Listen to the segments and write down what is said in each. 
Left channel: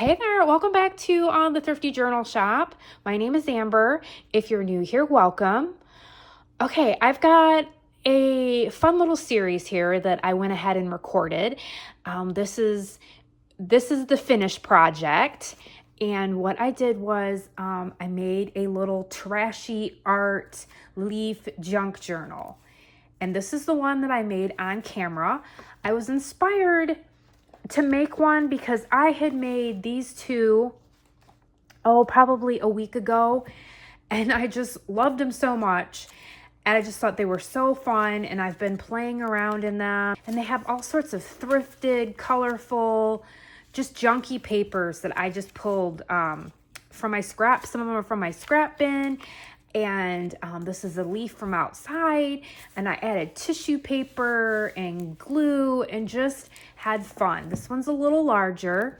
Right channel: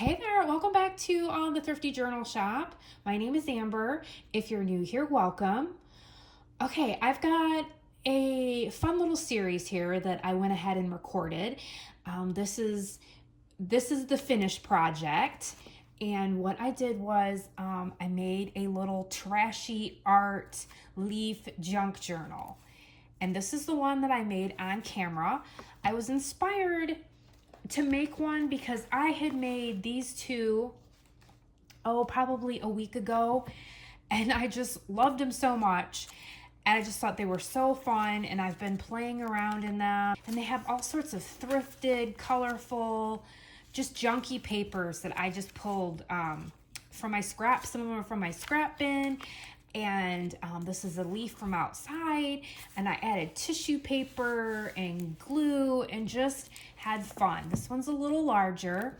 Hey there, welcome back to the Thrifty Journal Shop. My name is Amber. If you're new here, welcome. Okay, I've got a fun little series here that I went ahead and recorded. This is the finished project, and what I did was I made a little trashy art leaf junk journal, and this is the one that I made on camera. I was inspired to make one because I had made these two, probably a week ago, and I just loved them so much. And I just thought they were so fun, and I've been playing around in them. And they have all sorts of thrifted, colorful, just junky papers that I just pulled from my scrap. Some of them are from my scrap bin. And this is a leaf from outside, and I added tissue paper and glue and just had fun. This one's a little larger.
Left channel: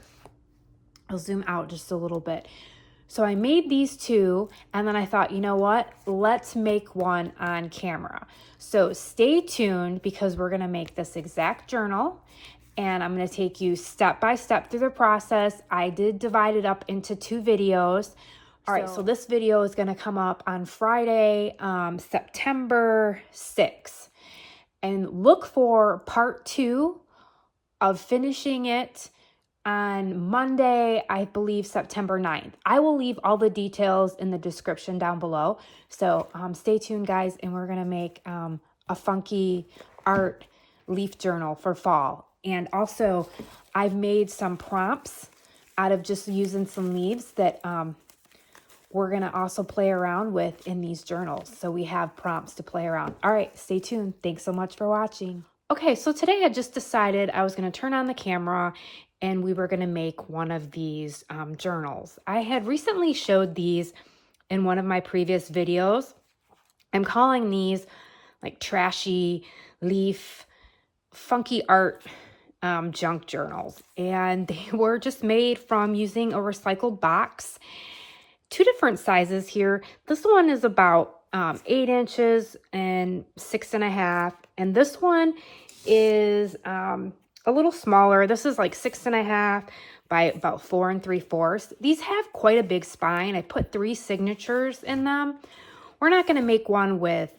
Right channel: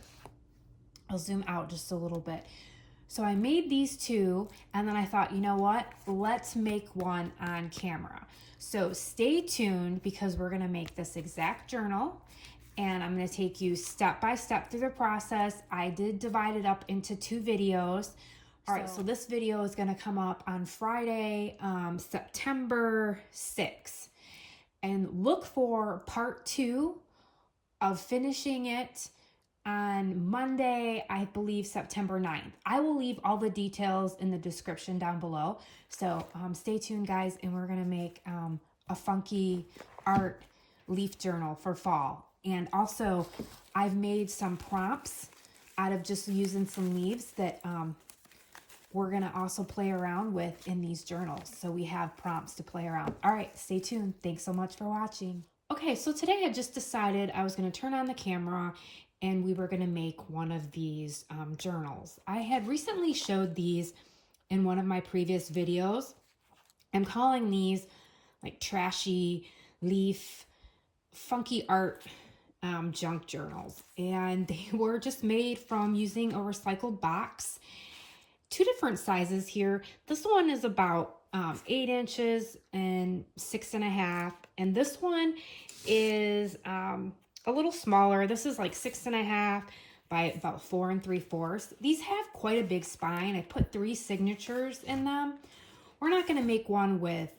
I'll zoom out just a little bit. So I made these two, and then I thought, you know what? Let's make one on camera. So stay tuned because we're gonna make this exact journal, and I'm gonna take you step by step through the process. I did divide it up into two videos. All right, so this video is gonna come up on Friday, September 6th. And look for part 2 of finishing it on Monday, I believe September 9th. I will leave all the details in the description down below. So stay tuned, guys, and we're gonna make a funky art leaf journal for fall. And also, I've made some prompts out of just using some leaves that we're gonna also play around with in these journals. So we have prompts to play around. All right, stay tuned. Thanks so much for watching. Okay, so today I just decided I was gonna turn on the camera and we were gonna make one of these journals. I had recently showed these in one of my previous videos. I'm calling these like trashy leaf, funky art junk journals. And they were just made from using a recycled box. Two different sizes here. This one is about 8 inches and 6.5, and this one is a little smaller. This is like 6.5 by about 4 3/4. These have quite a big spine. I put 3 signatures in them. We're not going to make one with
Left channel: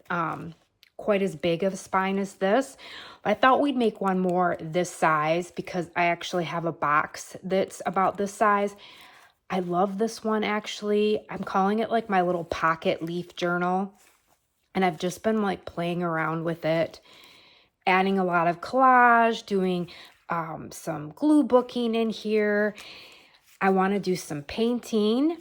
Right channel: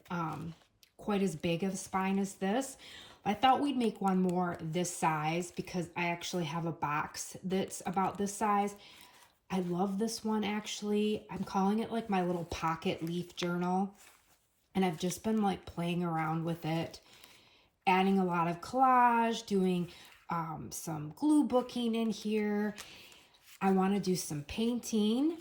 quite as big of a spine as this. I thought we'd make one more this size because I actually have a box that's about this size. I love this one, actually. I'm calling it like my little pocket leaf journal. And I've just been like playing around with it, adding a lot of collage, doing some glue booking in here. I want to do some painting.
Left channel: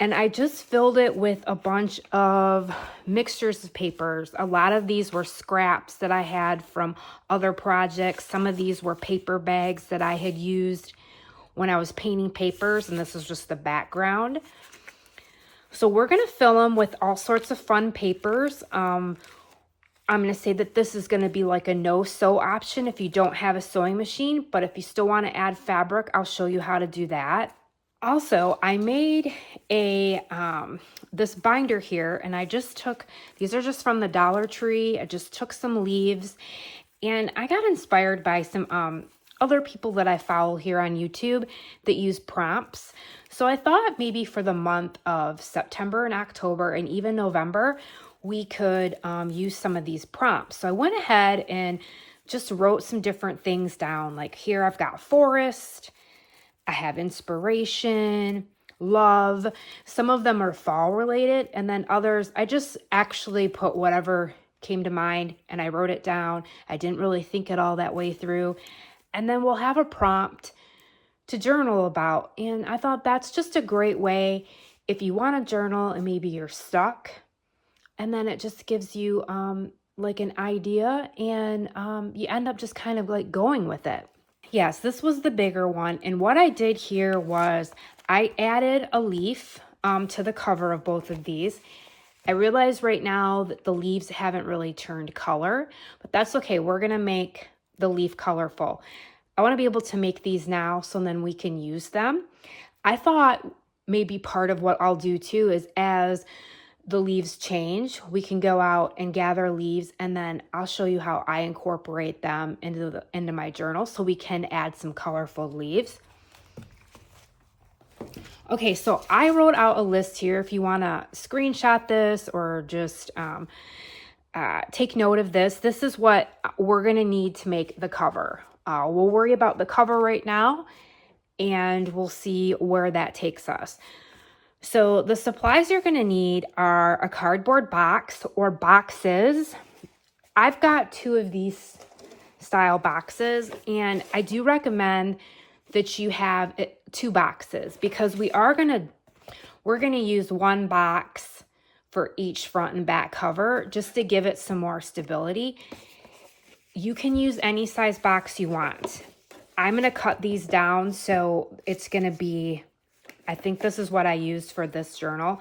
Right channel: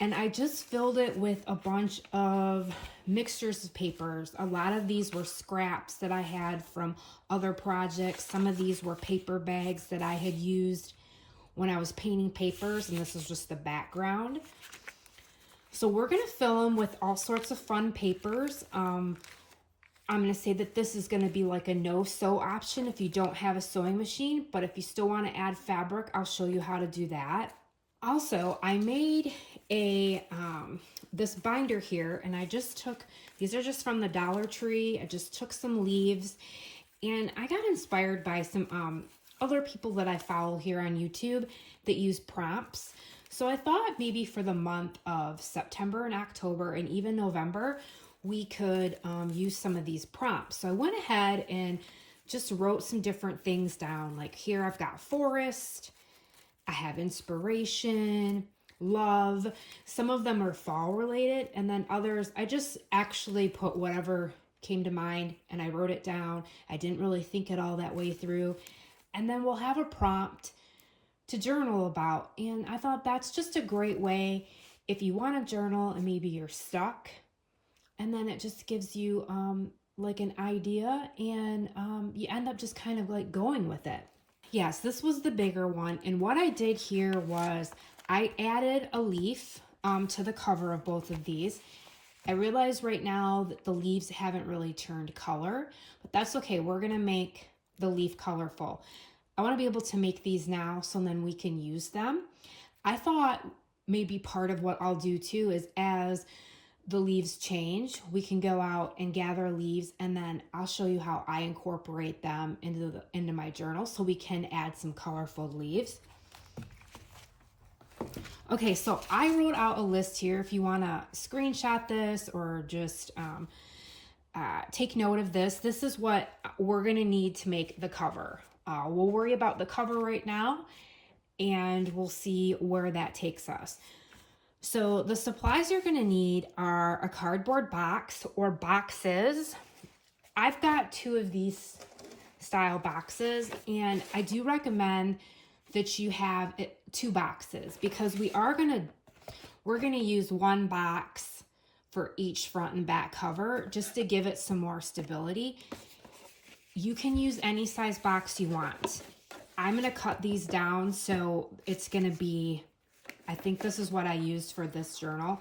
And I just filled it with a bunch of mixtures of papers. A lot of these were scraps that I had from other projects. Some of these were paper bags that I had used when I was painting papers, and this is just the background. So we're gonna fill them with all sorts of fun papers. I'm gonna say that this is gonna be like a no-sew option if you don't have a sewing machine, but if you still wanna add fabric, I'll show you how to do that. Also, I made this binder here, and I just took, these are just from the Dollar Tree. I just took some leaves, and I got inspired by some other people that I follow here on YouTube that use prompts. So I thought maybe for the month of September and October and even November, we could use some of these prompts. So I went ahead and just wrote some different things down. Like here I've got forest, I have inspiration, love. Some of them are fall related, and then others, I just actually put whatever came to mind and I wrote it down. I didn't really think it all that way through. And then we'll have a prompt to journal about. And I thought that's just a great way if you want to journal and maybe you're stuck. And then it just gives you like an idea, and you end up just kind of like going with it. Yes, this was the bigger one. And what I did here was I added a leaf to the cover of both of these. I realize right now that the leaves haven't really turned color, but that's okay. We're going to make the leaf colorful. I want to be able to make these now so then we can use them. I thought maybe part of what I'll do too is as the leaves change, we can go out and gather leaves, and then I'll show you how I incorporate them into my journal so we can add some colorful leaves. Okay, so I wrote out a list here. If you want to screenshot this or just take note of this, this is what we're going to need to make the cover. We'll worry about the cover right now, and we'll see where that takes us. So the supplies you're going to need are a cardboard box or boxes. I've got 2 of these style boxes, and I do recommend that you have 2 boxes because we're going to use 1 box for each front and back cover just to give it some more stability. You can use any size box you want. I'm going to cut these down, so it's going to be, I think this is what I used for this journal.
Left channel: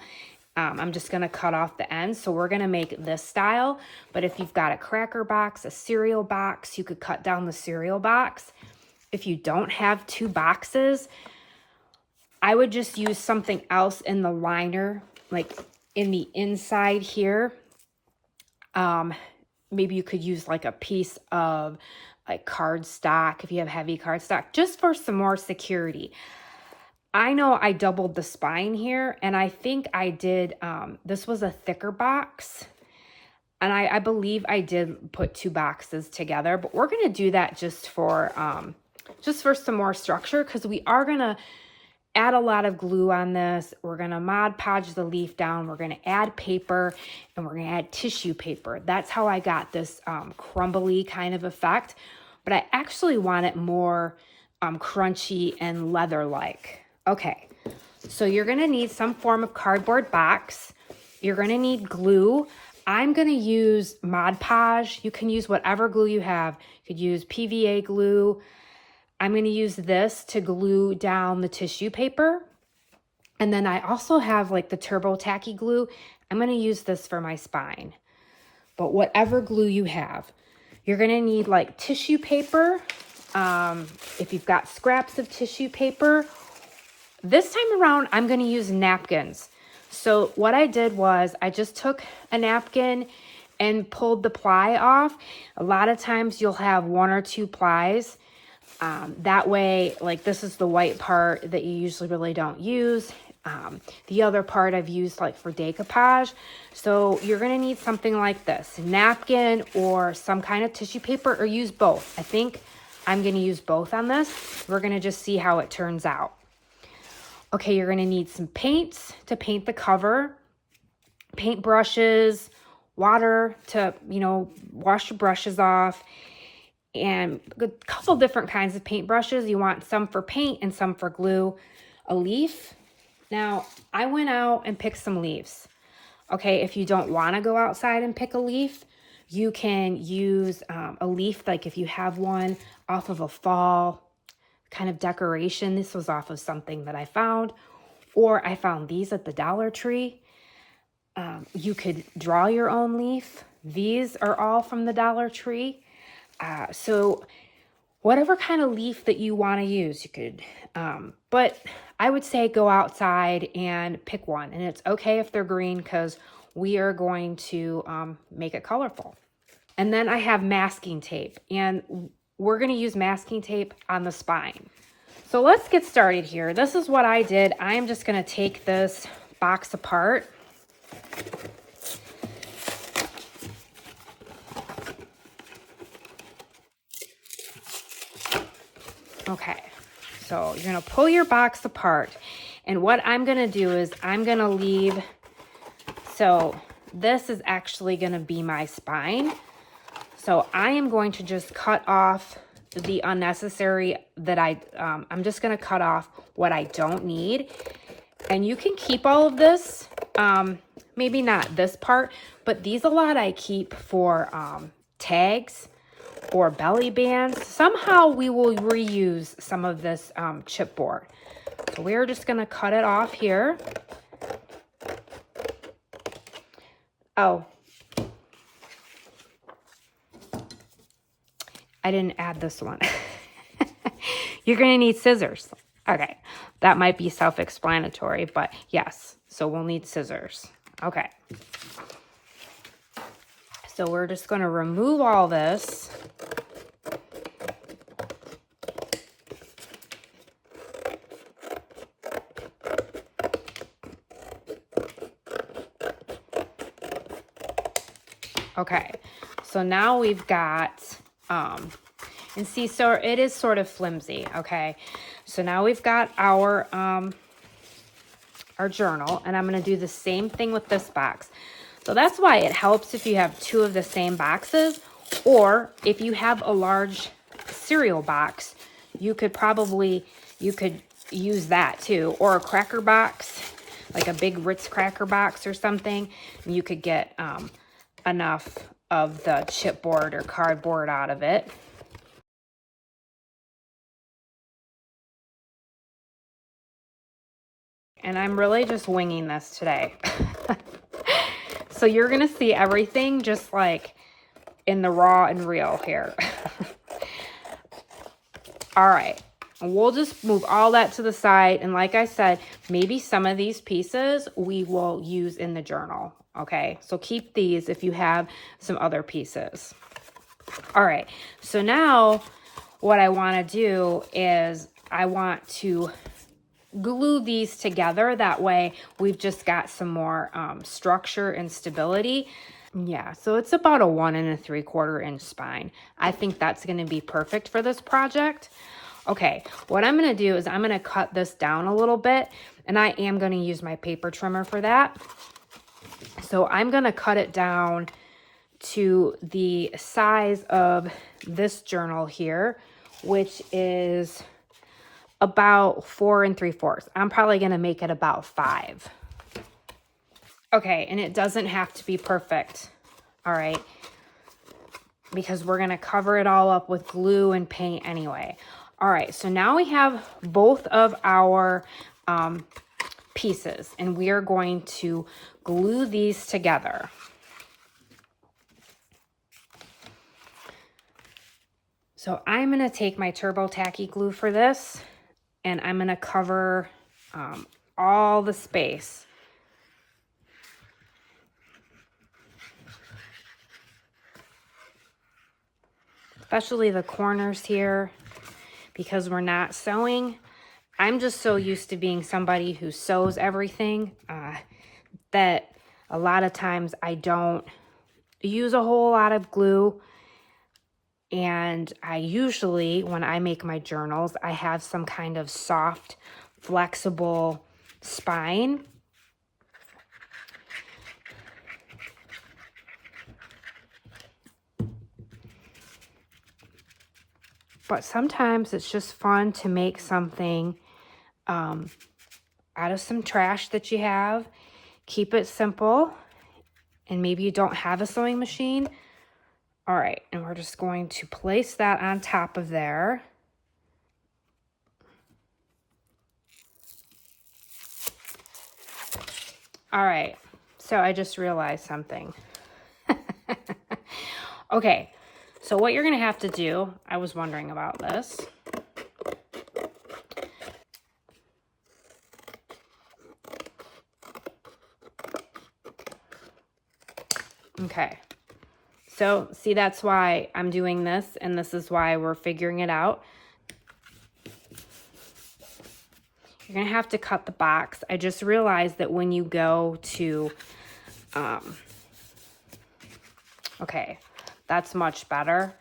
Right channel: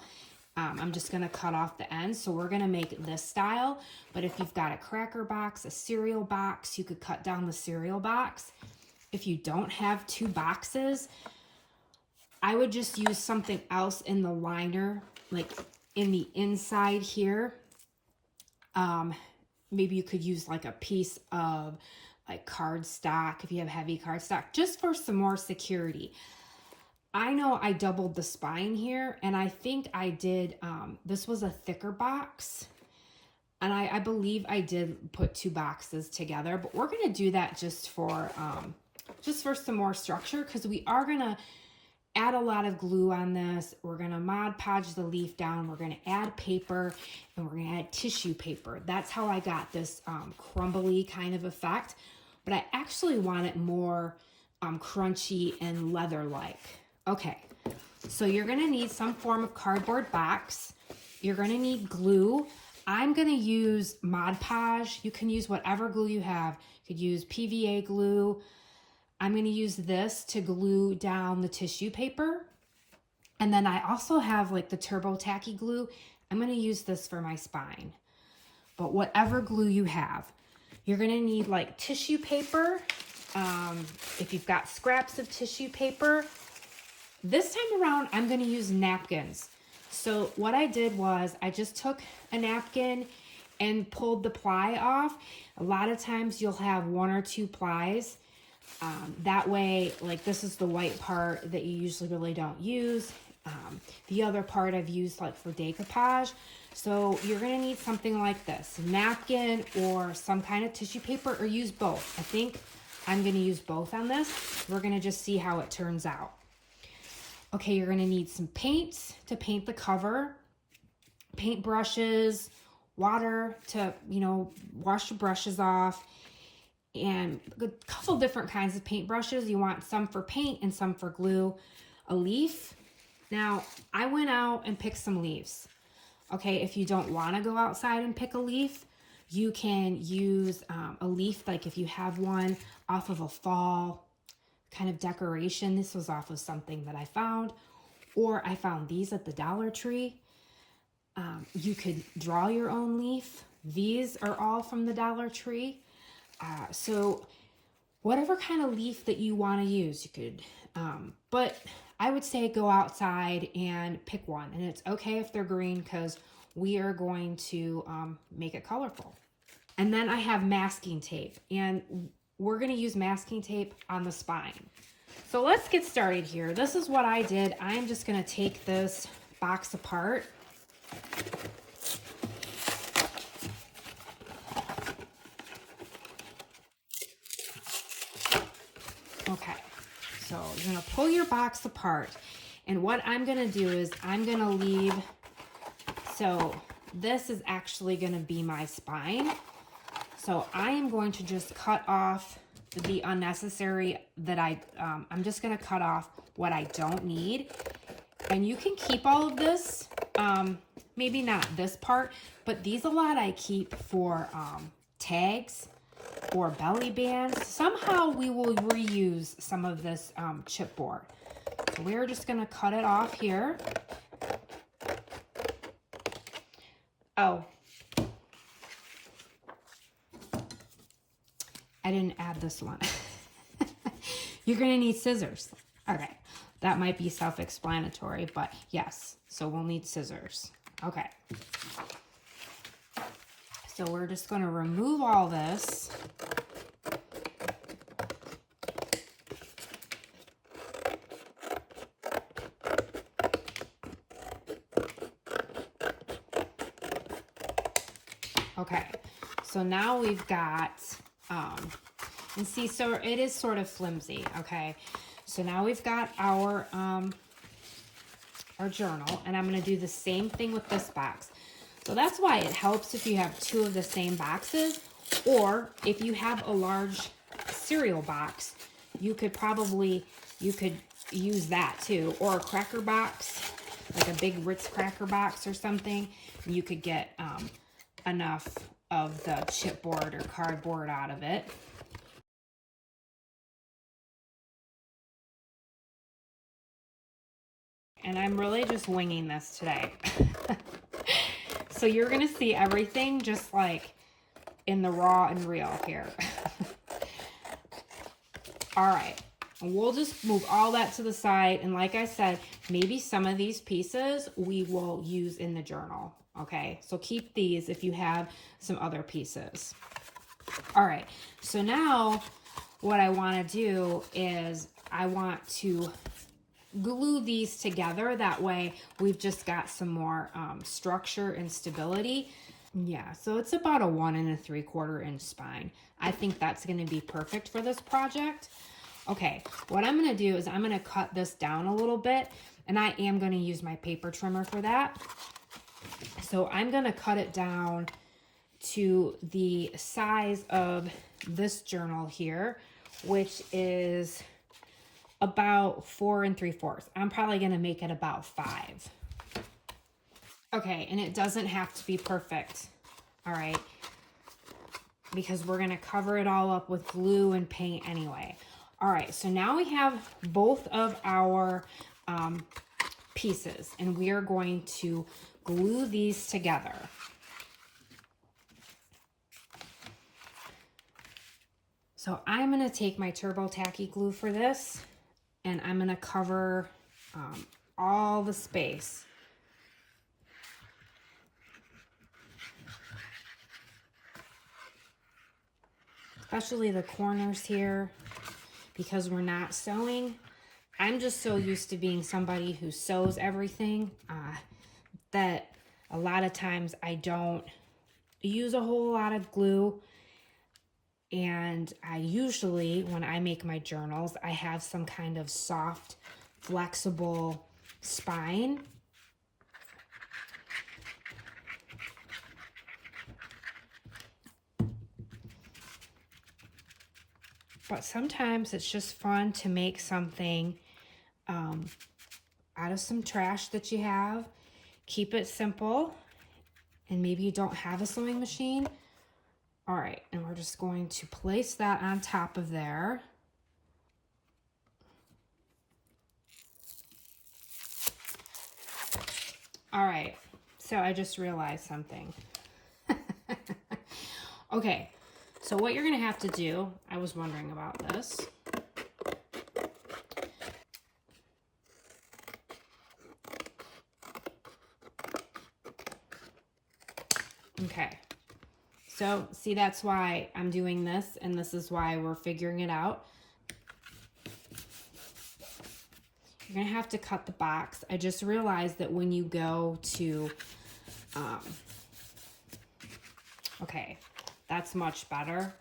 I'm just going to cut off the ends. So we're going to make this style, but if you've got a cracker box, a cereal box, you could cut down the cereal box. If you don't have 2 boxes, I would just use something else in the liner, like in the inside here. Maybe you could use like a piece of like cardstock if you have heavy cardstock, just for some more security. I know I doubled the spine here, and I think I did, this was a thicker box, and I believe I did put 2 boxes together, but we're going to do that just for some more structure, because we are going to add a lot of glue on this. We're going to Mod Podge the leaf down. We're going to add paper, and we're going to add tissue paper. That's how I got this crumbly kind of effect, but I actually want it more crunchy and leather-like. Okay, so you're going to need some form of cardboard box. You're going to need glue. I'm going to use Mod Podge. You can use whatever glue you have. You could use PVA glue. I'm going to use this to glue down the tissue paper. And then I also have like the Turbo Tacky glue. I'm going to use this for my spine. But whatever glue you have, you're going to need like tissue paper. If you've got scraps of tissue paper. This time around, I'm going to use napkins. So what I did was I just took a napkin and pulled the ply off. A lot of times you'll have 1 or 2 plies. That way, like this is the white part that you usually really don't use. The other part I've used like for decoupage. So you're going to need something like this, napkin or some kind of tissue paper, or use both. I think I'm going to use both on this. We're going to just see how it turns out. Okay, you're going to need some paints to paint the cover, paint brushes, water to, wash your brushes off, and a couple different kinds of paint brushes. You want some for paint and some for glue. A leaf. Now, I went out and picked some leaves. Okay, if you don't want to go outside and pick a leaf, you can use a leaf, like if you have one off of a fall kind of decoration. This was off of something that I found, or I found these at the Dollar Tree. You could draw your own leaf. These are all from the Dollar Tree. So whatever kind of leaf that you want to use, you could, but I would say go outside and pick one, and it's okay if they're green because we are going to make it colorful. And then I have masking tape, and we're going to use masking tape on the spine. So let's get started here. This is what I did. I am just going to take this box apart. Okay, so you're going to pull your box apart. And what I'm going to do is I'm going to leave, so this is actually going to be my spine. So I am going to just cut off the unnecessary that I'm just going to cut off what I don't need. And you can keep all of this, maybe not this part, but these a lot I keep for tags or belly bands. Somehow we will reuse some of this chipboard. So we're just going to cut it off here. Oh, I didn't add this one. You're going to need scissors. Okay, that might be self-explanatory, but yes, so we'll need scissors. Okay. So we're just going to remove all this. Okay, so now we've got, and see, so it is sort of flimsy, okay? So now we've got our journal, and I'm gonna do the same thing with this box. So that's why it helps if you have two of the same boxes, or if you have a large cereal box, you could use that too, or a cracker box, like a big Ritz cracker box or something. You could get enough of the chipboard or cardboard out of it. And I'm really just winging this today. So you're gonna see everything just like in the raw and real here. All right, we'll just move all that to the side. And like I said, maybe some of these pieces we will use in the journal. Okay, so keep these if you have some other pieces. All right, so now what I want to do is I want to glue these together. That way we've just got some more structure and stability. Yeah, so it's about a 1 3/4 inch spine. I think that's going to be perfect for this project. Okay, what I'm going to do is I'm going to cut this down a little bit, and I am going to use my paper trimmer for that. So I'm going to cut it down to the size of this journal here, which is about 4 3/4. I'm probably going to make it about 5. Okay, and it doesn't have to be perfect, all right, because we're going to cover it all up with glue and paint anyway. All right, so now we have both of our pieces, and we are going to glue these together. So I'm going to take my Turbo Tacky glue for this, and I'm going to cover all the space. Especially the corners here, because we're not sewing. I'm just so used to being somebody who sews everything that a lot of times I don't use a whole lot of glue. And I usually, when I make my journals, I have some kind of soft, flexible spine. But sometimes it's just fun to make something out of some trash that you have. Keep it simple, and maybe you don't have a sewing machine. All right, and we're just going to place that on top of there. All right, so I just realized something. Okay, so what you're gonna have to do, I was wondering about this. Okay, so see, that's why I'm doing this, and this is why we're figuring it out. You're gonna have to cut the box. I just realized that when you go to, okay, that's much better.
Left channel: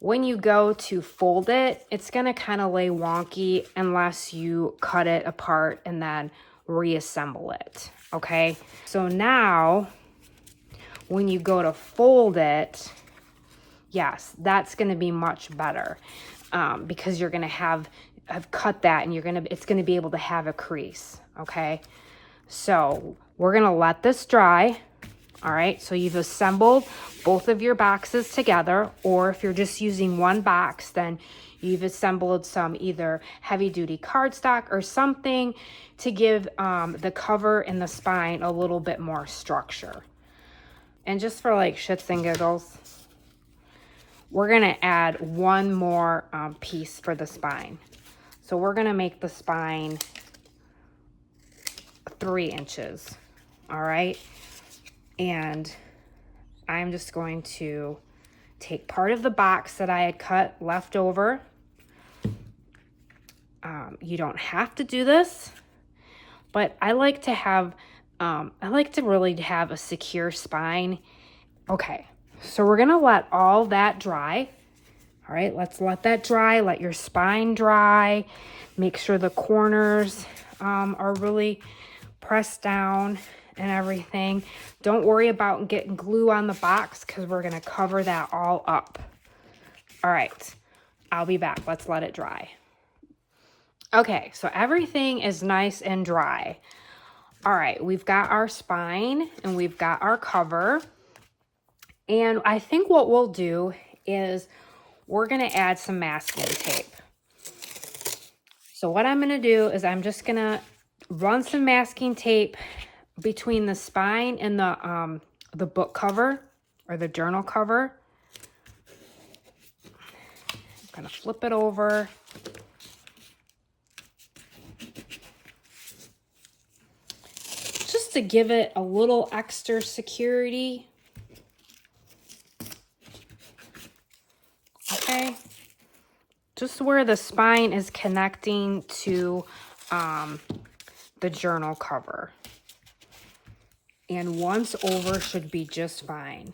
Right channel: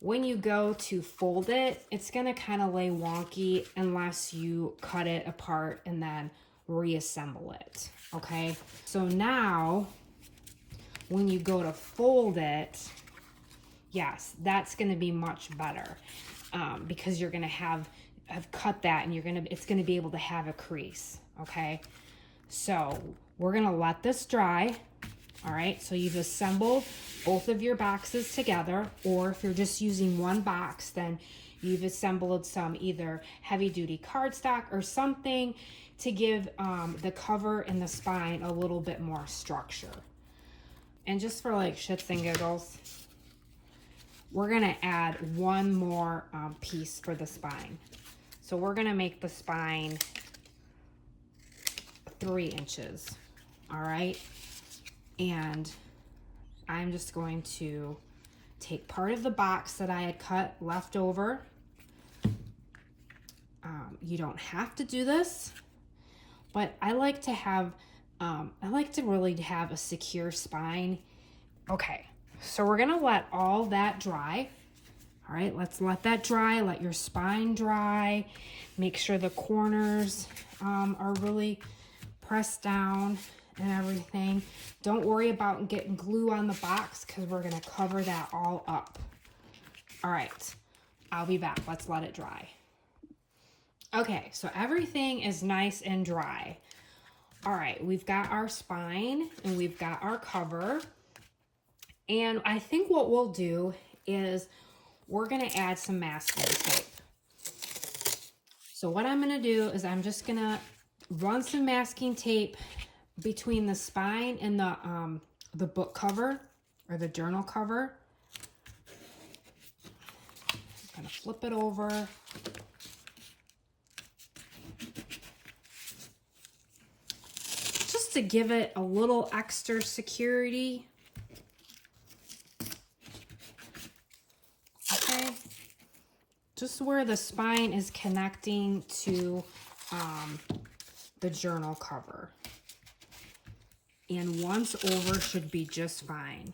When you go to fold it, it's gonna kind of lay wonky unless you cut it apart and then reassemble it, okay? So now, when you go to fold it, yes, that's gonna be much better because you're gonna have cut that, and it's gonna be able to have a crease, okay? So we're gonna let this dry. All right, so you've assembled both of your boxes together, or if you're just using one box, then you've assembled some either heavy duty cardstock or something to give the cover and the spine a little bit more structure. And just for like shits and giggles, we're gonna add one more piece for the spine. So we're gonna make the spine 3 inches, all right? And I'm just going to take part of the box that I had cut left over. You don't have to do this, but I like to have, I like to really have a secure spine. Okay, So we're gonna let all that dry. All right, let's let that dry. Let your spine dry. Make sure the corners are really pressed down and everything. Don't worry about getting glue on the box because we're gonna cover that all up. All right, I'll be back. Let's let it dry. Okay, so everything is nice and dry. All right, we've got our spine and we've got our cover. And I think what we'll do is we're gonna add some masking tape. So what I'm gonna do is I'm just gonna run some masking tape between the spine and the book cover or the journal cover. I'm gonna flip it over. Just to give it a little extra security. Okay. Just where the spine is connecting to the journal cover. And once over should be just fine.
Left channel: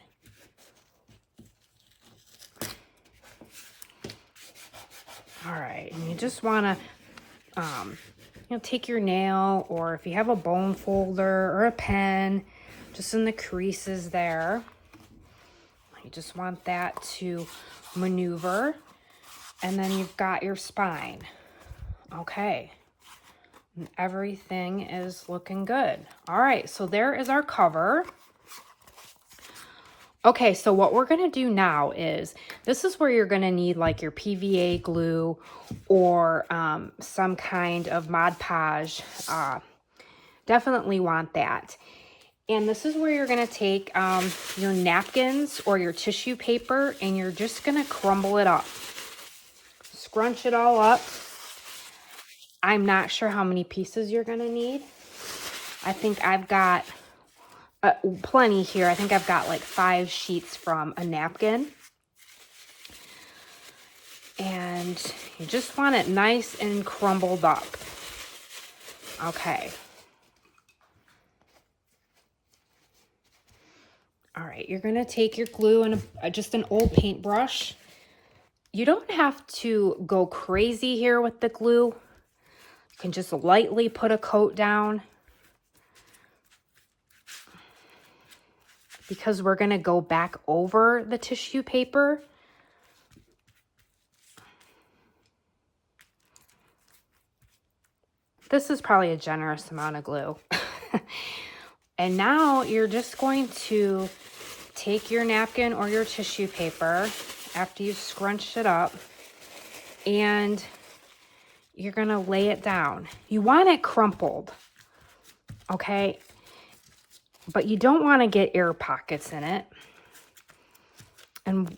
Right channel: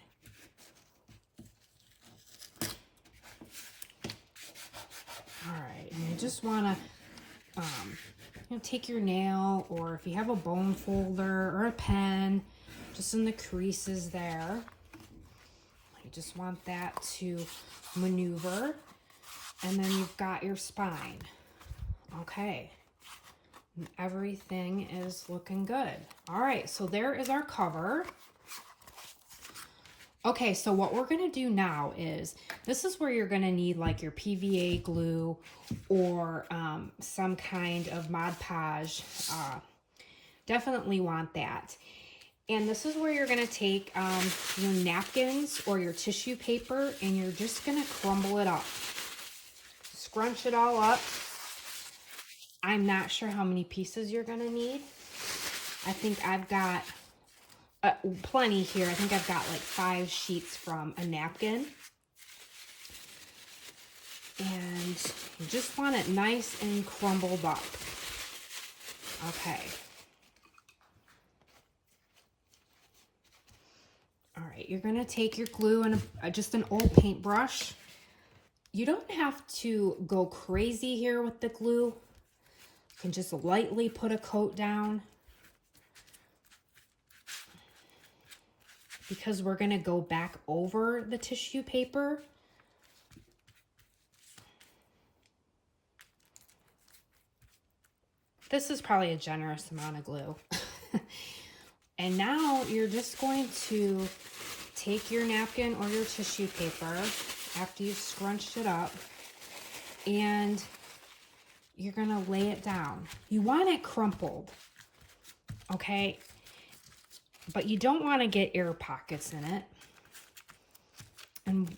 All right, and you just want to take your nail, or if you have a bone folder or a pen, just in the creases there. You just want that to maneuver. And then you've got your spine. Okay. And everything is looking good. All right, so there is our cover. Okay, so what we're gonna do now is, this is where you're gonna need like your PVA glue or some kind of Mod Podge. Definitely want that. And this is where you're gonna take your napkins or your tissue paper and you're just gonna crumble it up. Scrunch it all up. I'm not sure how many pieces you're gonna need. I think I've got plenty here. I think I've got like 5 sheets from a napkin. And you just want it nice and crumbled up. Okay. All right, you're gonna take your glue and just an old paintbrush. You don't have to go crazy here with the glue. You can just lightly put a coat down because we're going to go back over the tissue paper. This is probably a generous amount of glue. And now you're just going to take your napkin or your tissue paper after you've scrunched it up, and you're gonna lay it down. You want it crumpled, okay? But you don't want to get air pockets in it. And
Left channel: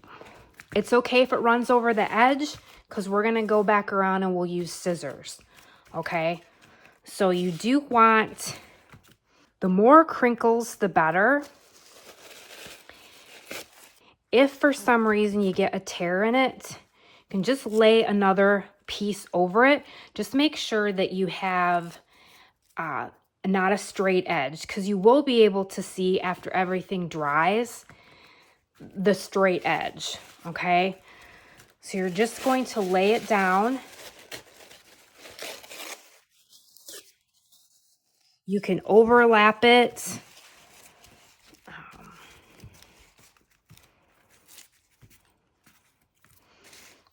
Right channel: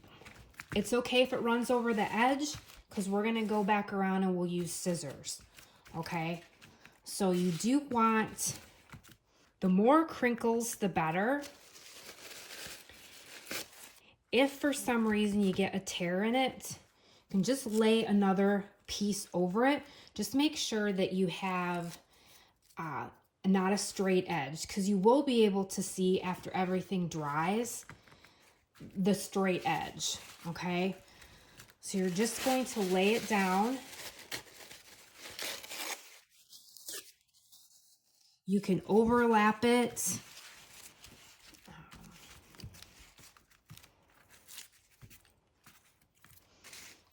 it's okay if it runs over the edge, because we're gonna go back around and we'll use scissors, okay? So you do want, the more crinkles, the better. If for some reason you get a tear in it, you can just lay another piece over it. Just make sure that you have not a straight edge, because you will be able to see after everything dries the straight edge, okay? So you're just going to lay it down. You can overlap it.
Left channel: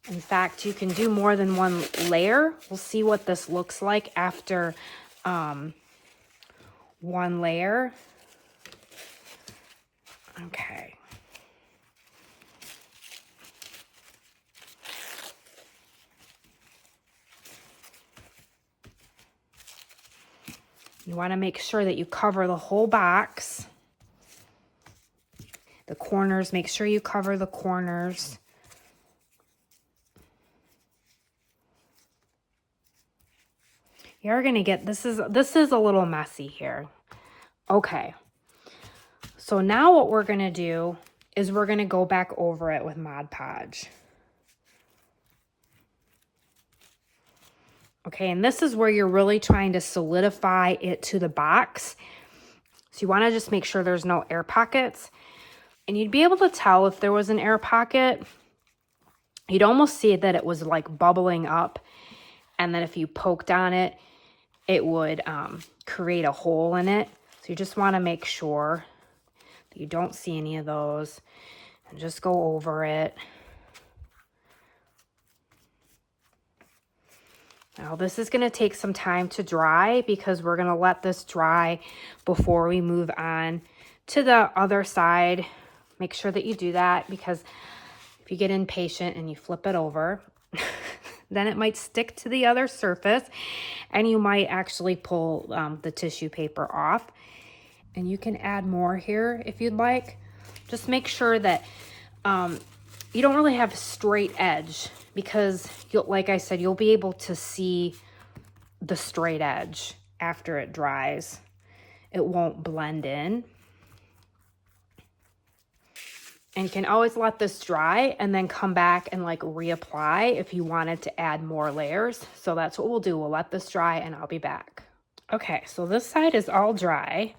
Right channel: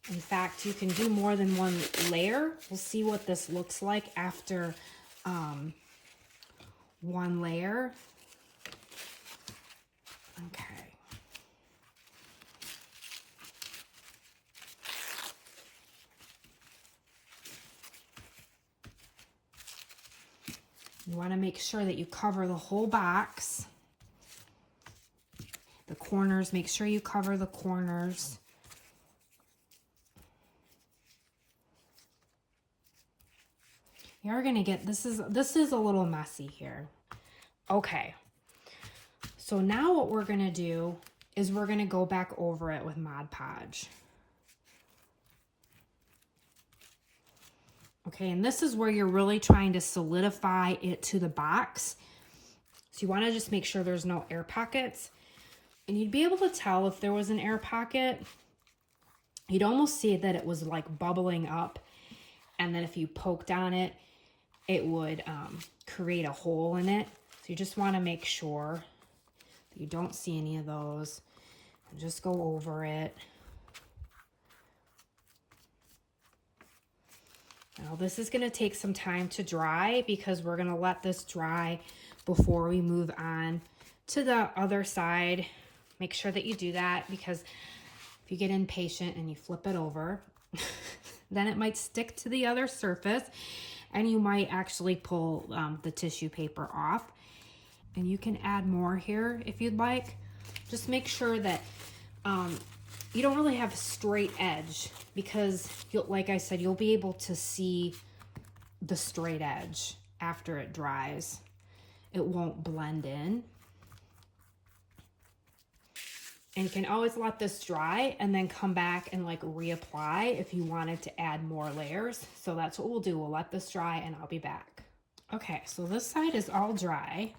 In fact, you can do more than one layer. We'll see what this looks like after one layer. Okay. You want to make sure that you cover the whole box. The corners, make sure you cover the corners. You're gonna get, this is a little messy here. Okay, so now what we're gonna do is we're gonna go back over it with Mod Podge. Okay, and this is where you're really trying to solidify it to the box. So you wanna just make sure there's no air pockets. And you'd be able to tell if there was an air pocket. You'd almost see that it was like bubbling up. And then if you poked on it, it would create a hole in it. So you just want to make sure that you don't see any of those. And just go over it. Now this is going to take some time to dry because we're going to let this dry before we move on to the other side. Make sure that you do that, because if you get impatient and you flip it over, then it might stick to the other surface and you might actually pull the tissue paper off. And you can add more here if you'd like. Just make sure that you don't really have a straight edge, because like I said, you'll be able to see the straight edge after it dries. It won't blend in. And you can always let this dry and then come back and like reapply if you wanted to add more layers. So that's what we'll do. We'll let this dry and I'll be back. Okay, so this side is all dry.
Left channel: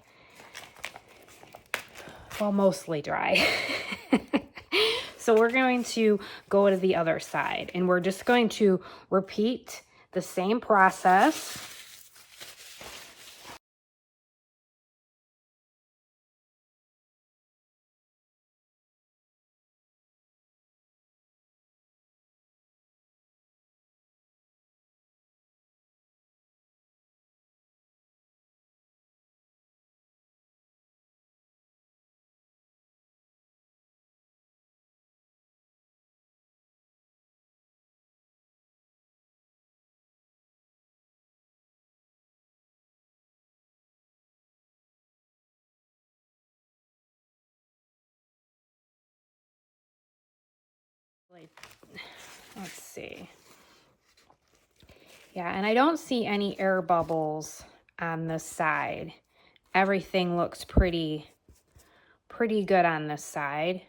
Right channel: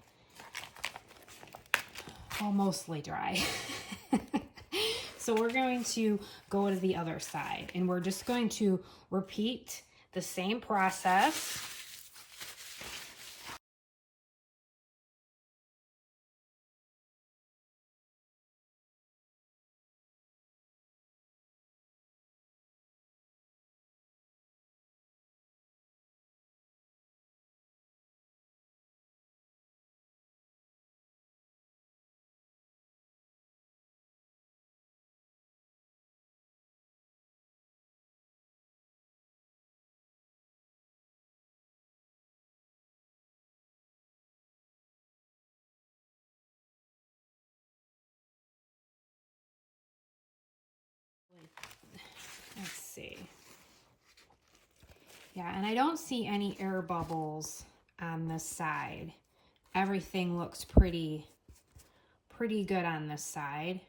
Well, mostly dry. So we're going to go to the other side and we're just going to repeat the same process. Let's see. Yeah, and I don't see any air bubbles on this side. Everything looks pretty good on this side.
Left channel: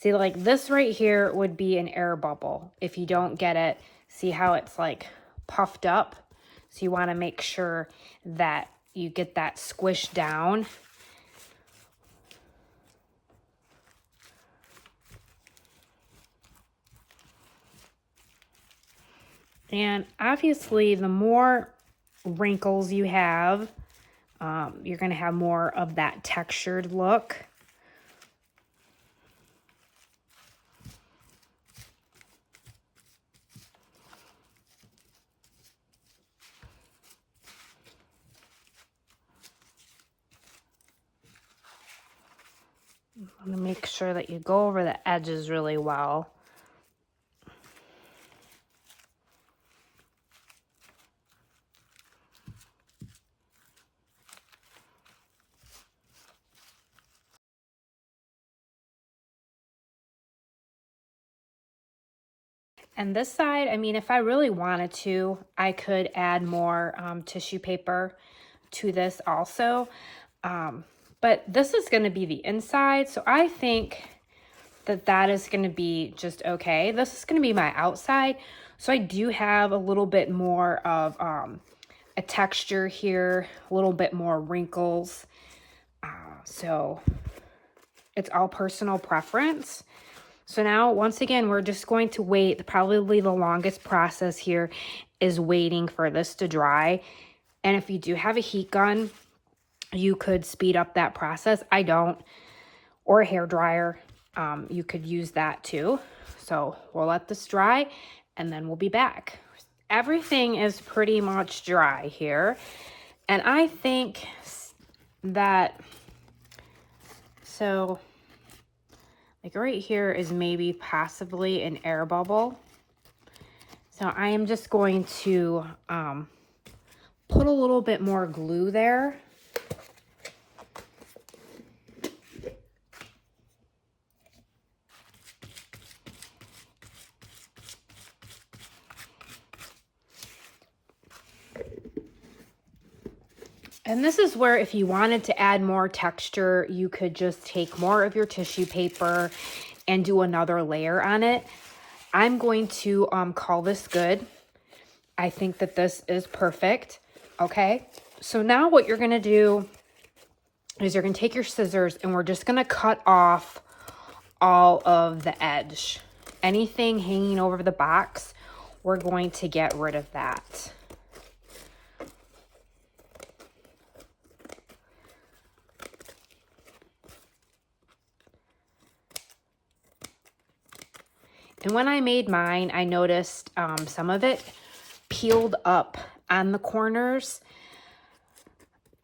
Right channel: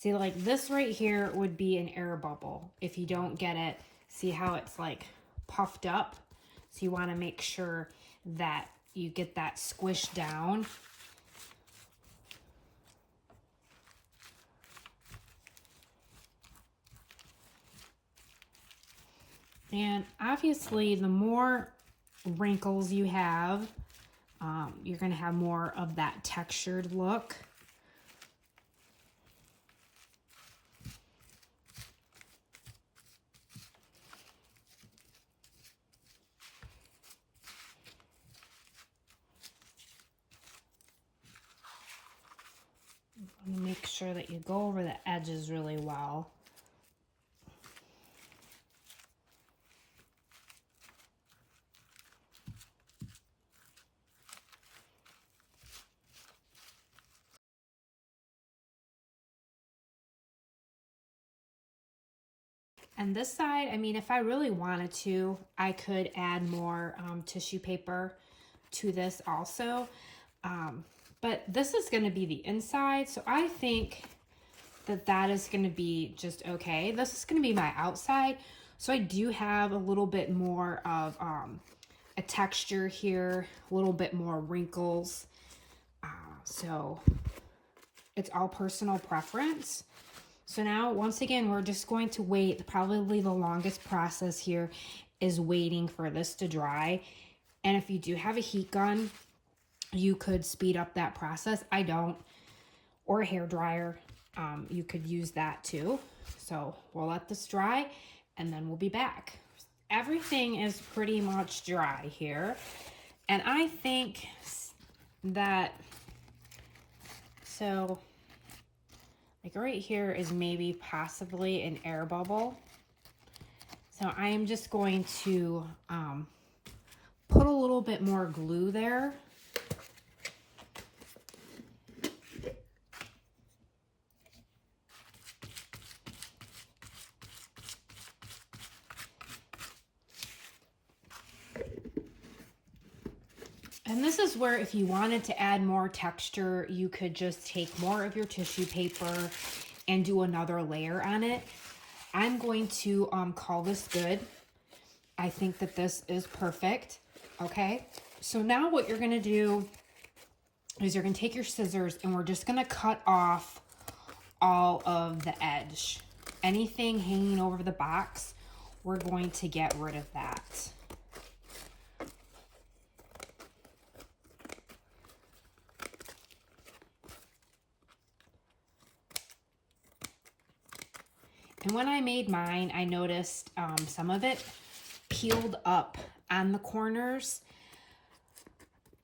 See, like this right here would be an air bubble. If you don't get it, see how it's like puffed up? So you want to make sure that you get that squished down. And obviously, the more wrinkles you have, you're going to have more of that textured look. I'm going to make sure that you go over the edges really well. And this side, I mean, if I really wanted to, I could add more tissue paper to this also. But this is going to be the inside, so I think that that is going to be just okay. This is going to be my outside, so I do have a little bit more of a texture here, a little bit more wrinkles. So it's all personal preference. So now, once again, we're just going to wait. Probably the longest process here is waiting for this to dry. And if you do have a heat gun, you could speed up that process. I don't. Or a hair dryer. You could use that too. So we'll let this dry and then we'll be back. Everything is pretty much dry here. And I think that, so like right here is maybe possibly an air bubble. So I am just going to put a little bit more glue there. And this is where if you wanted to add more texture, you could just take more of your tissue paper and do another layer on it. I'm going to call this good. I think that this is perfect. Okay, so now what you're gonna do is you're going to take your scissors and we're just going to cut off all of the edge. Anything hanging over the box, we're going to get rid of that. And when I made mine, I noticed some of it peeled up on the corners.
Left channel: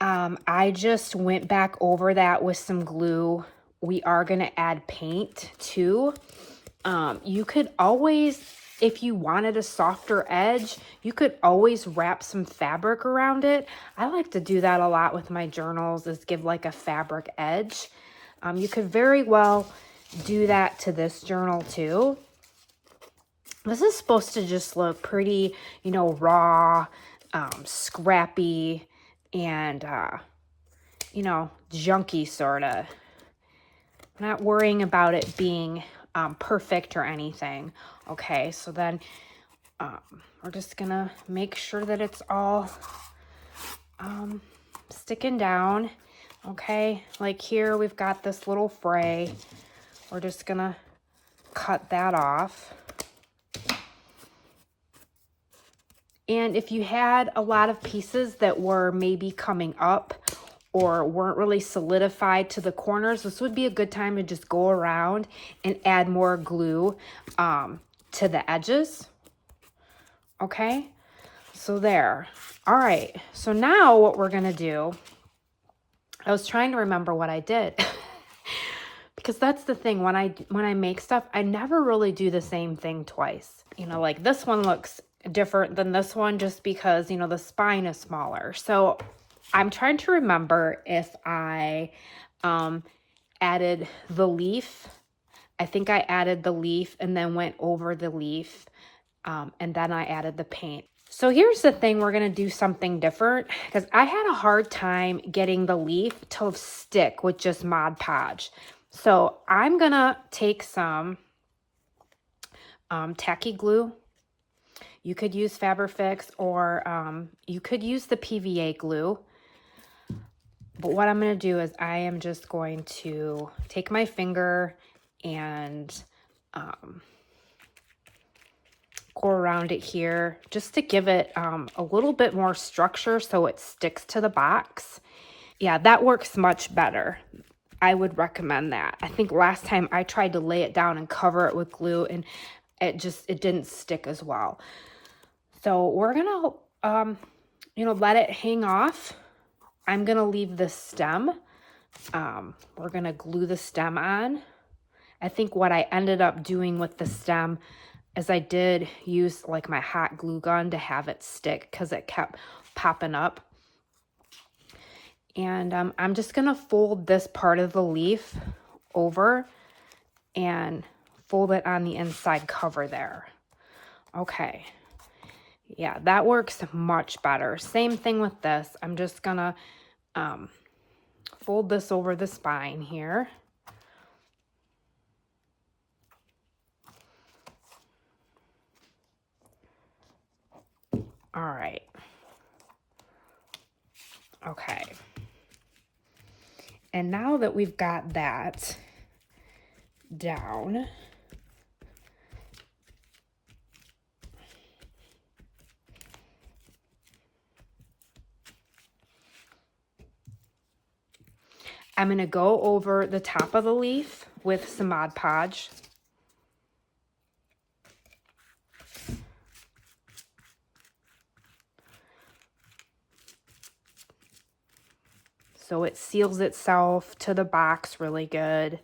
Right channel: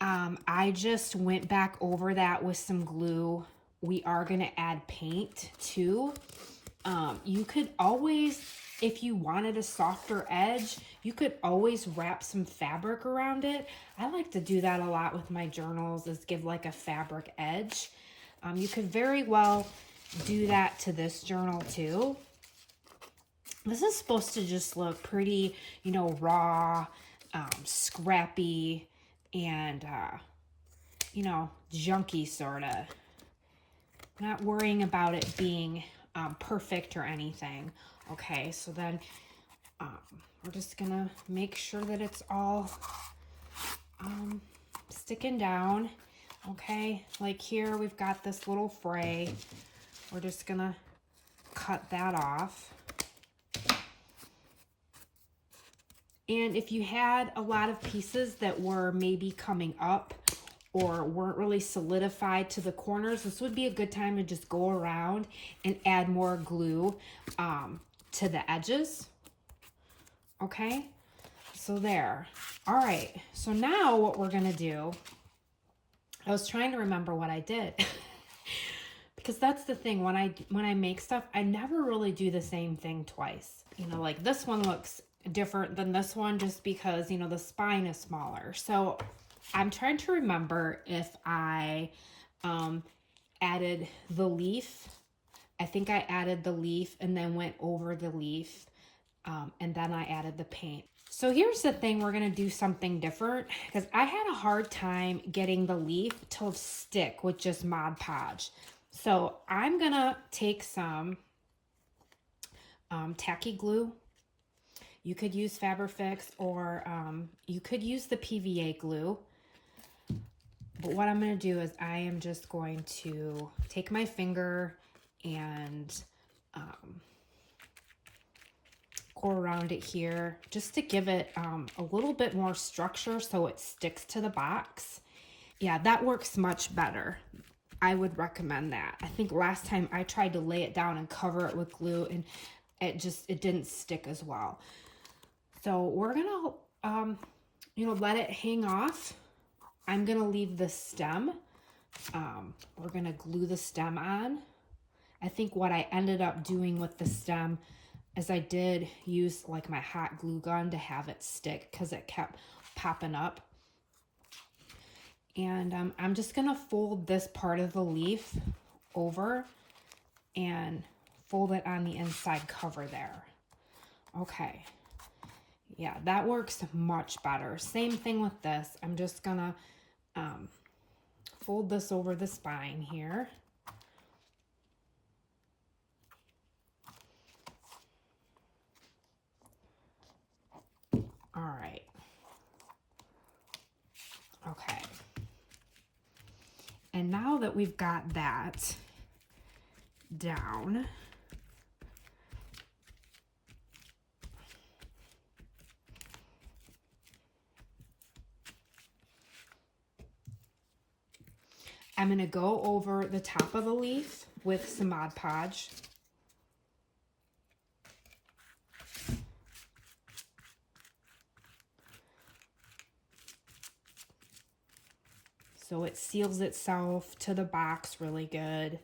I just went back over that with some glue. We are going to add paint too. You could always, if you wanted a softer edge, you could always wrap some fabric around it. I like to do that a lot with my journals, is give like a fabric edge. You could very well do that to this journal too. This is supposed to just look pretty, you know, raw, scrappy, and, you know, junky sort of. Not worrying about it being perfect or anything. Okay, so then we're just gonna make sure that it's all sticking down. Okay, like here we've got this little fray. We're just gonna cut that off. And if you had a lot of pieces that were maybe coming up or weren't really solidified to the corners, this would be a good time to just go around and add more glue to the edges. Okay, so there. All right, so now what we're gonna do, I was trying to remember what I did because that's the thing, when I make stuff, I never really do the same thing twice. You know, like this one looks different than this one just because, you know, the spine is smaller. So I'm trying to remember if I added the leaf. I think I added the leaf and then went over the leaf, and then I added the paint. So here's the thing, we're going to do something different because I had a hard time getting the leaf to stick with just Mod Podge. So I'm going to take some tacky glue. You could use Fabrifix, or you could use the PVA glue. But what I'm going to do is I am just going to take my finger and go around it here just to give it a little bit more structure so it sticks to the box. Yeah, that works much better. I would recommend that. I think last time I tried to lay it down and cover it with glue and it didn't stick as well. So we're gonna, you know, let it hang off. I'm gonna leave the stem. We're gonna glue the stem on. I think what I ended up doing with the stem is I did use like my hot glue gun to have it stick because it kept popping up. And I'm just gonna fold this part of the leaf over and fold it on the inside cover there. Okay. Yeah, that works much better. Same thing with this. I'm just gonna fold this over the spine here. All right. Okay. And now that we've got that down, I'm going to go over the top of the leaf with some Mod Podge. So it seals itself to the box really good.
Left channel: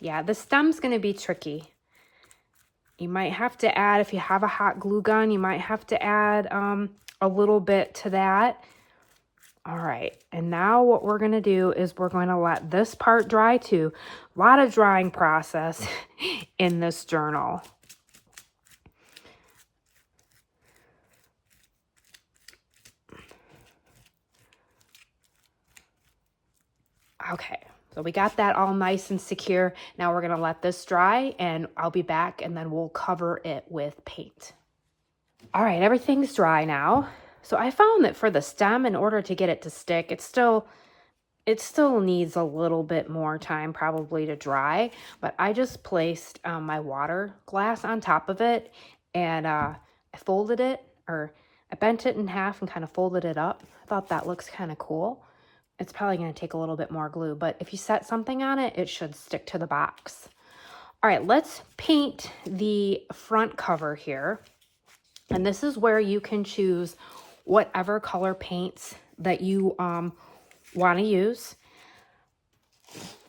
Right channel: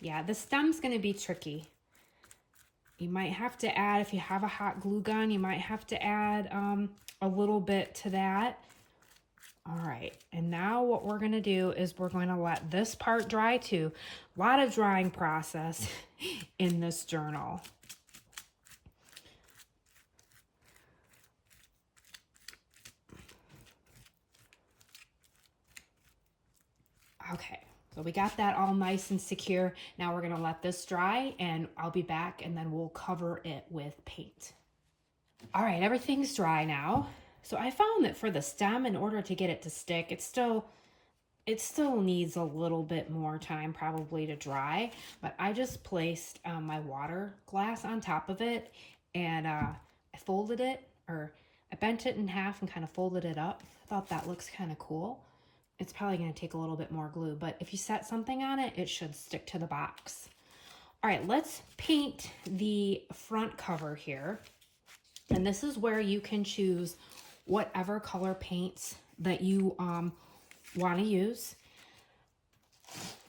Yeah, the stem's going to be tricky. You might have to add, if you have a hot glue gun, you might have to add a little bit to that. All right, and now what we're gonna do is we're gonna let this part dry too. A lot of drying process in this journal. Okay, so we got that all nice and secure. Now we're gonna let this dry and I'll be back and then we'll cover it with paint. All right, everything's dry now. So I found that for the stem, in order to get it to stick, it's still It still needs a little bit more time probably to dry, but I just placed my water glass on top of it, and I folded it, or I bent it in half and kind of folded it up. I thought that looks kind of cool. It's probably going to take a little bit more glue, but if you set something on it, it should stick to the box. All right, let's paint the front cover here. And this is where you can choose whatever color paints that you want to use.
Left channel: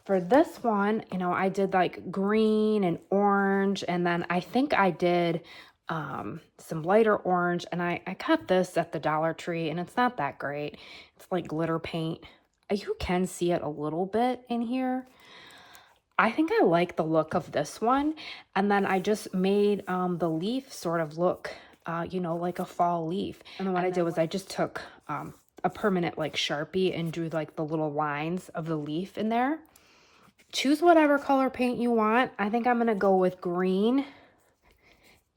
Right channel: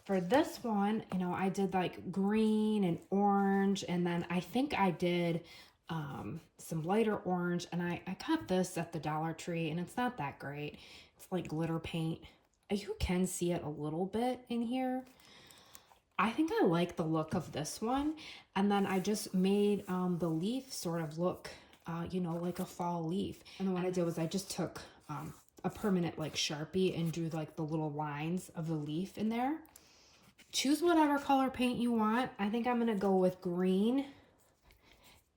For this one, you know, I did like green and orange, and then I think I did some lighter orange, and I got this at the Dollar Tree, and it's not that great. It's like glitter paint. You can see it a little bit in here. I think I like the look of this one, and then I just made the leaf sort of look, you know, like a fall leaf. And then what I did was I just took a permanent like Sharpie and drew like the little lines of the leaf in there. Choose whatever color paint you want. I think I'm gonna go with green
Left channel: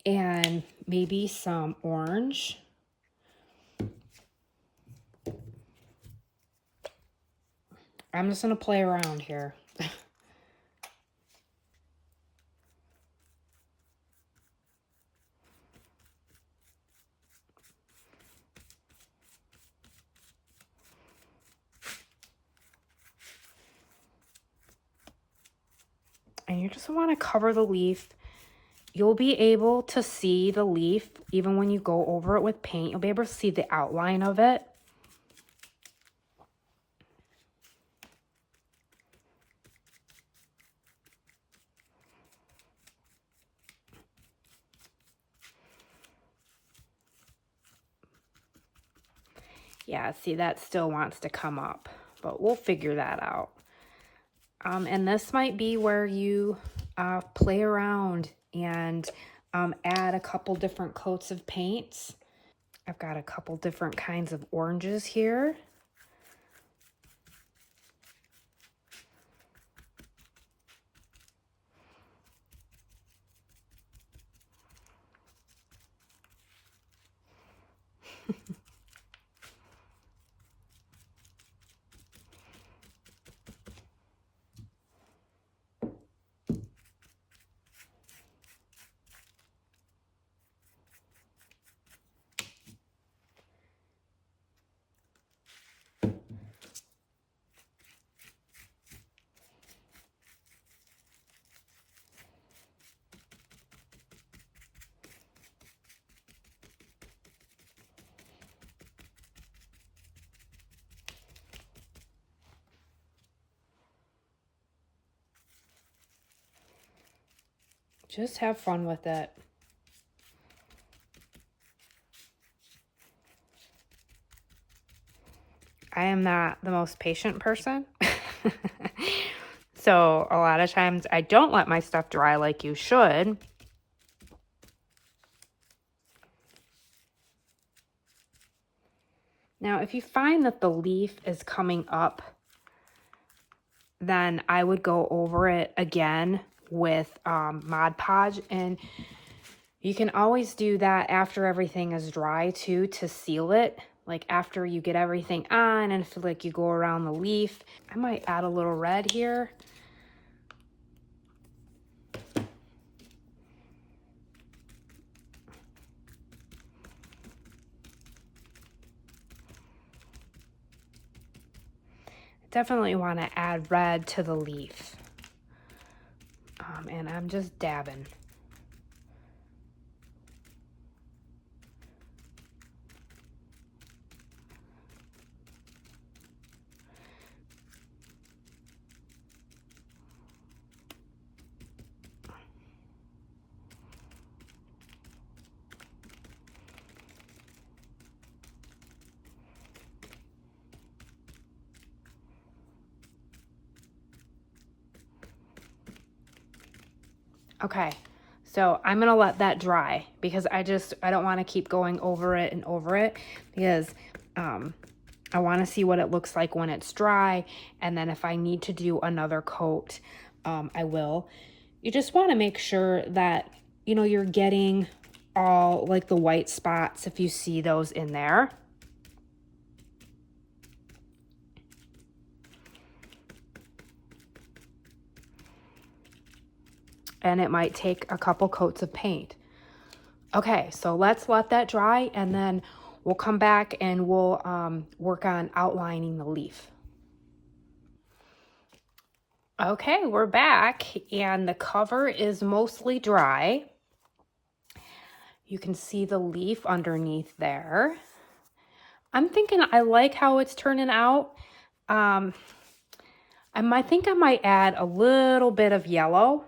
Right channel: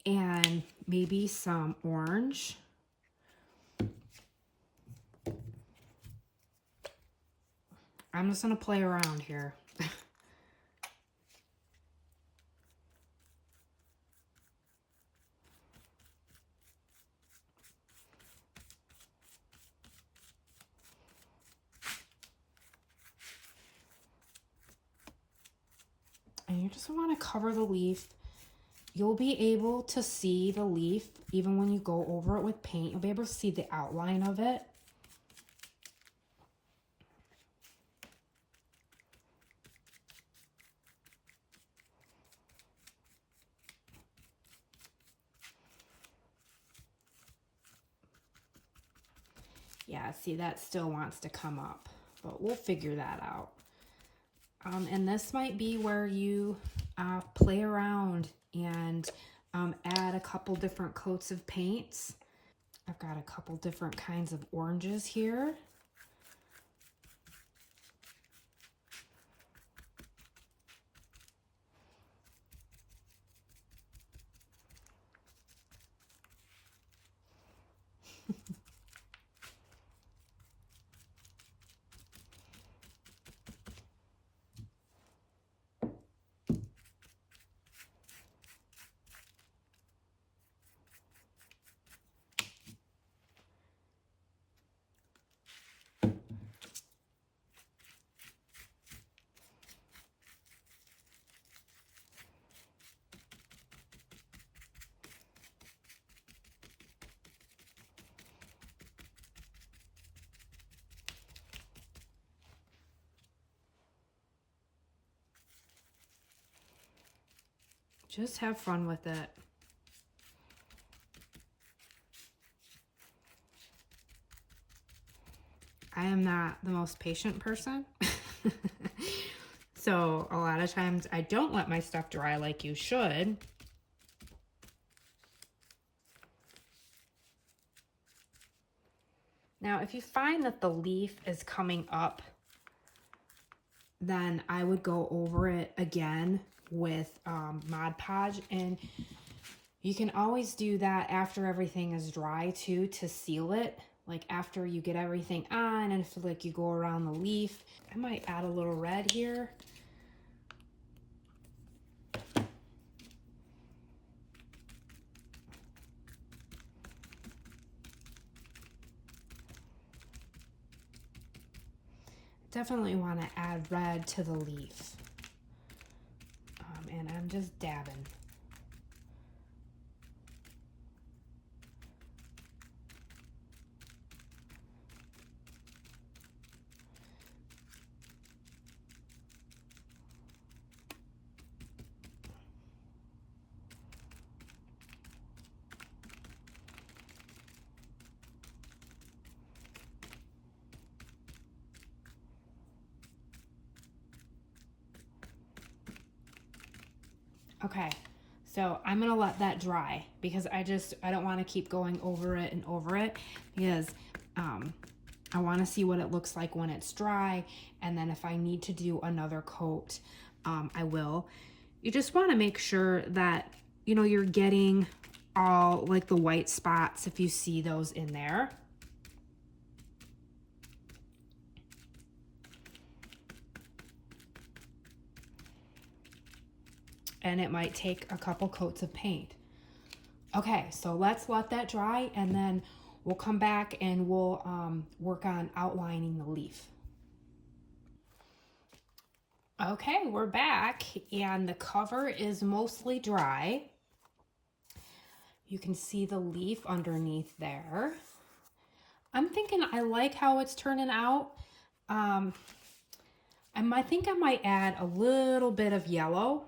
and maybe some orange. I'm just gonna play around here. And you just want to cover the leaf. You'll be able to see the leaf even when you go over it with paint. You'll be able to see the outline of it. Yeah, see, that still wants to come up, but we'll figure that out. And this might be where you play around and add a couple different coats of paints. I've got a couple different kinds of oranges here. Just have fun with it. I am not the most patient person. So a lot of times I don't let my stuff dry like you should. Now, if you find that the leaf is coming up, then I would go over it again with Mod Podge, and you can always do that after everything is dry too, to seal it. Like after you get everything on and feel like you go around the leaf. I might add a little red here. Definitely want to add red to the leaf. And I'm just dabbing. Okay, so I'm gonna let that dry because I don't want to keep going over it and over it, because I want to see what it looks like when it's dry, and then if I need to do another coat, I will. You just want to make sure that, you know, you're getting all like the white spots if you see those in there. and it might take a couple coats of paint. Okay, so let's let that dry, and then we'll come back and we'll work on outlining the leaf. Okay, we're back, and the cover is mostly dry. You can see the leaf underneath there. I'm thinking I like how it's turning out. I think I might add a little bit of yellow,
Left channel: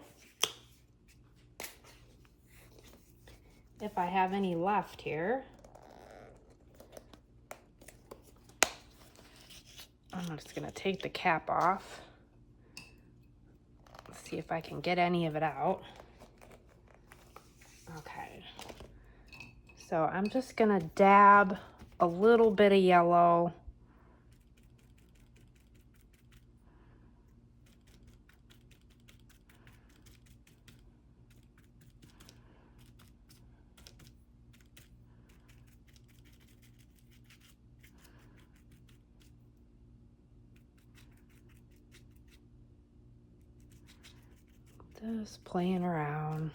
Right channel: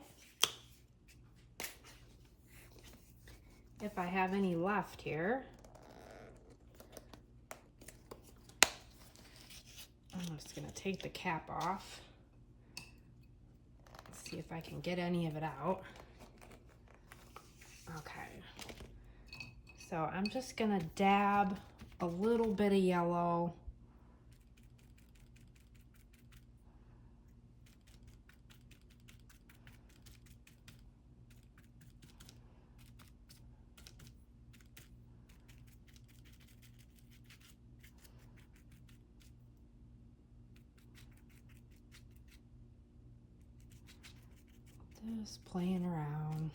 if I have any left here. I'm just gonna take the cap off. Let's see if I can get any of it out. Okay. So I'm just gonna dab a little bit of yellow. Just playing around.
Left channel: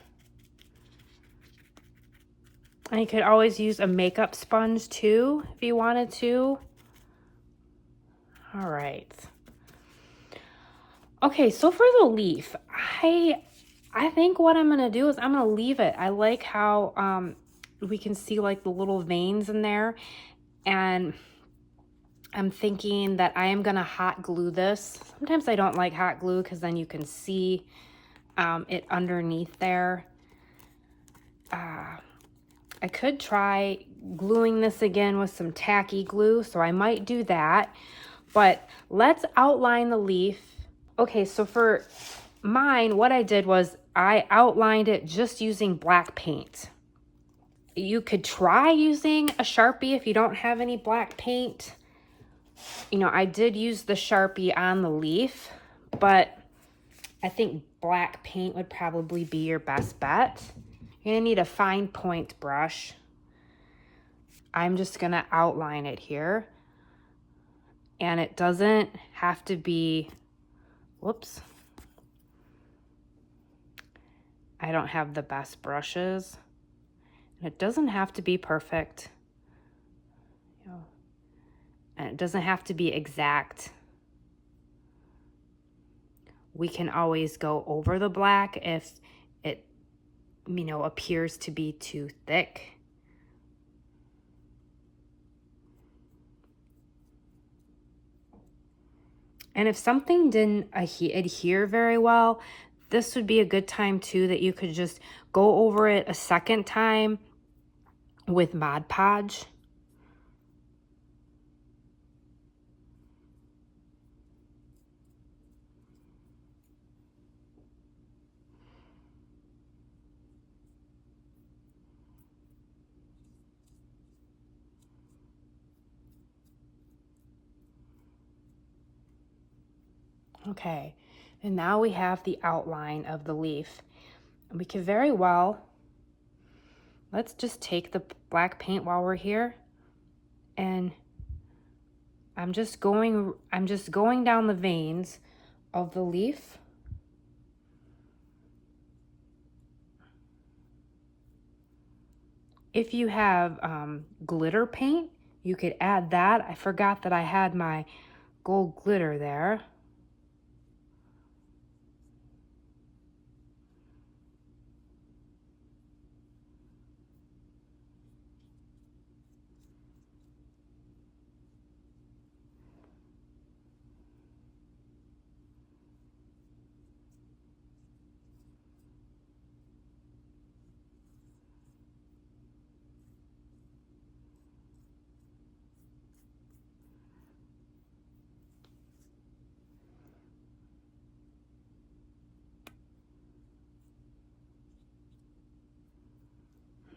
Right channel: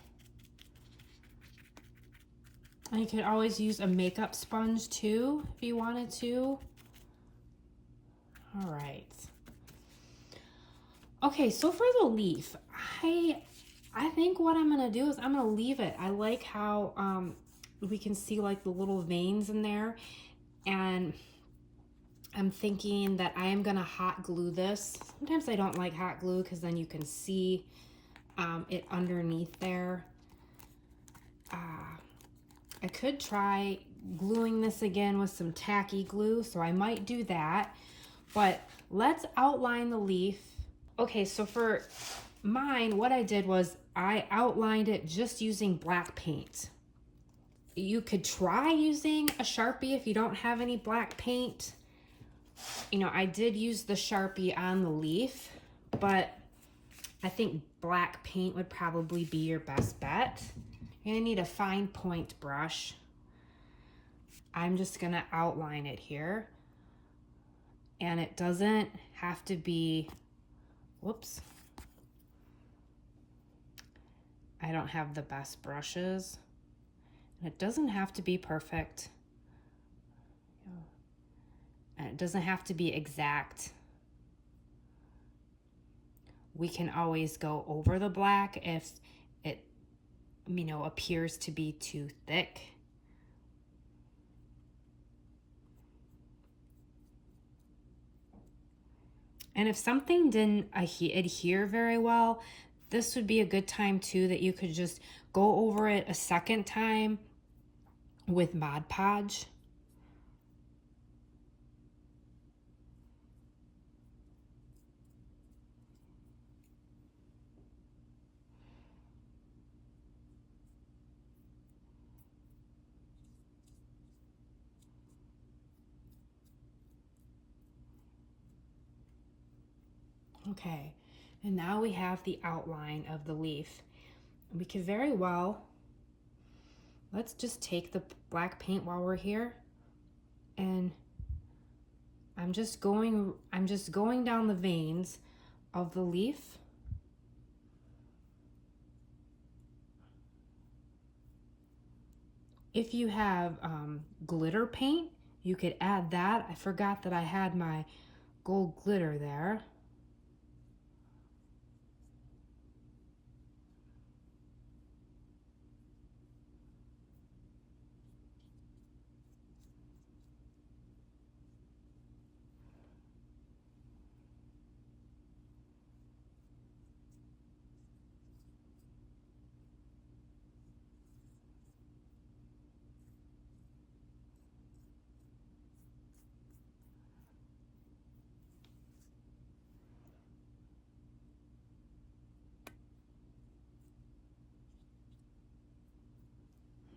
And you could always use a makeup sponge too, if you wanted to. All right. Okay, so for the leaf, I think what I'm gonna do is I'm gonna leave it. I like how we can see like the little veins in there, and I'm thinking that I am gonna hot glue this. Sometimes I don't like hot glue because then you can see it underneath there. I could try gluing this again with some tacky glue, so I might do that. But let's outline the leaf. Okay, so for mine, what I did was I outlined it just using black paint. You could try using a Sharpie if you don't have any black paint. You know, I did use the Sharpie on the leaf, but I think black paint would probably be your best bet. You're gonna need a fine point brush. I'm just gonna outline it here. And it doesn't have to be, whoops. I don't have the best brushes. And it doesn't have to be perfect. And it doesn't have to be exact. We can always go over the black if it, you know, appears to be too thick. And if something didn't adhere very well, this would be a good time too that you could just go over it a second time with Mod Podge. Okay, and now we have the outline of the leaf. We could very well, let's just take the black paint while we're here, and I'm just going down the veins of the leaf. If you have glitter paint, you could add that. I forgot that I had my gold glitter there.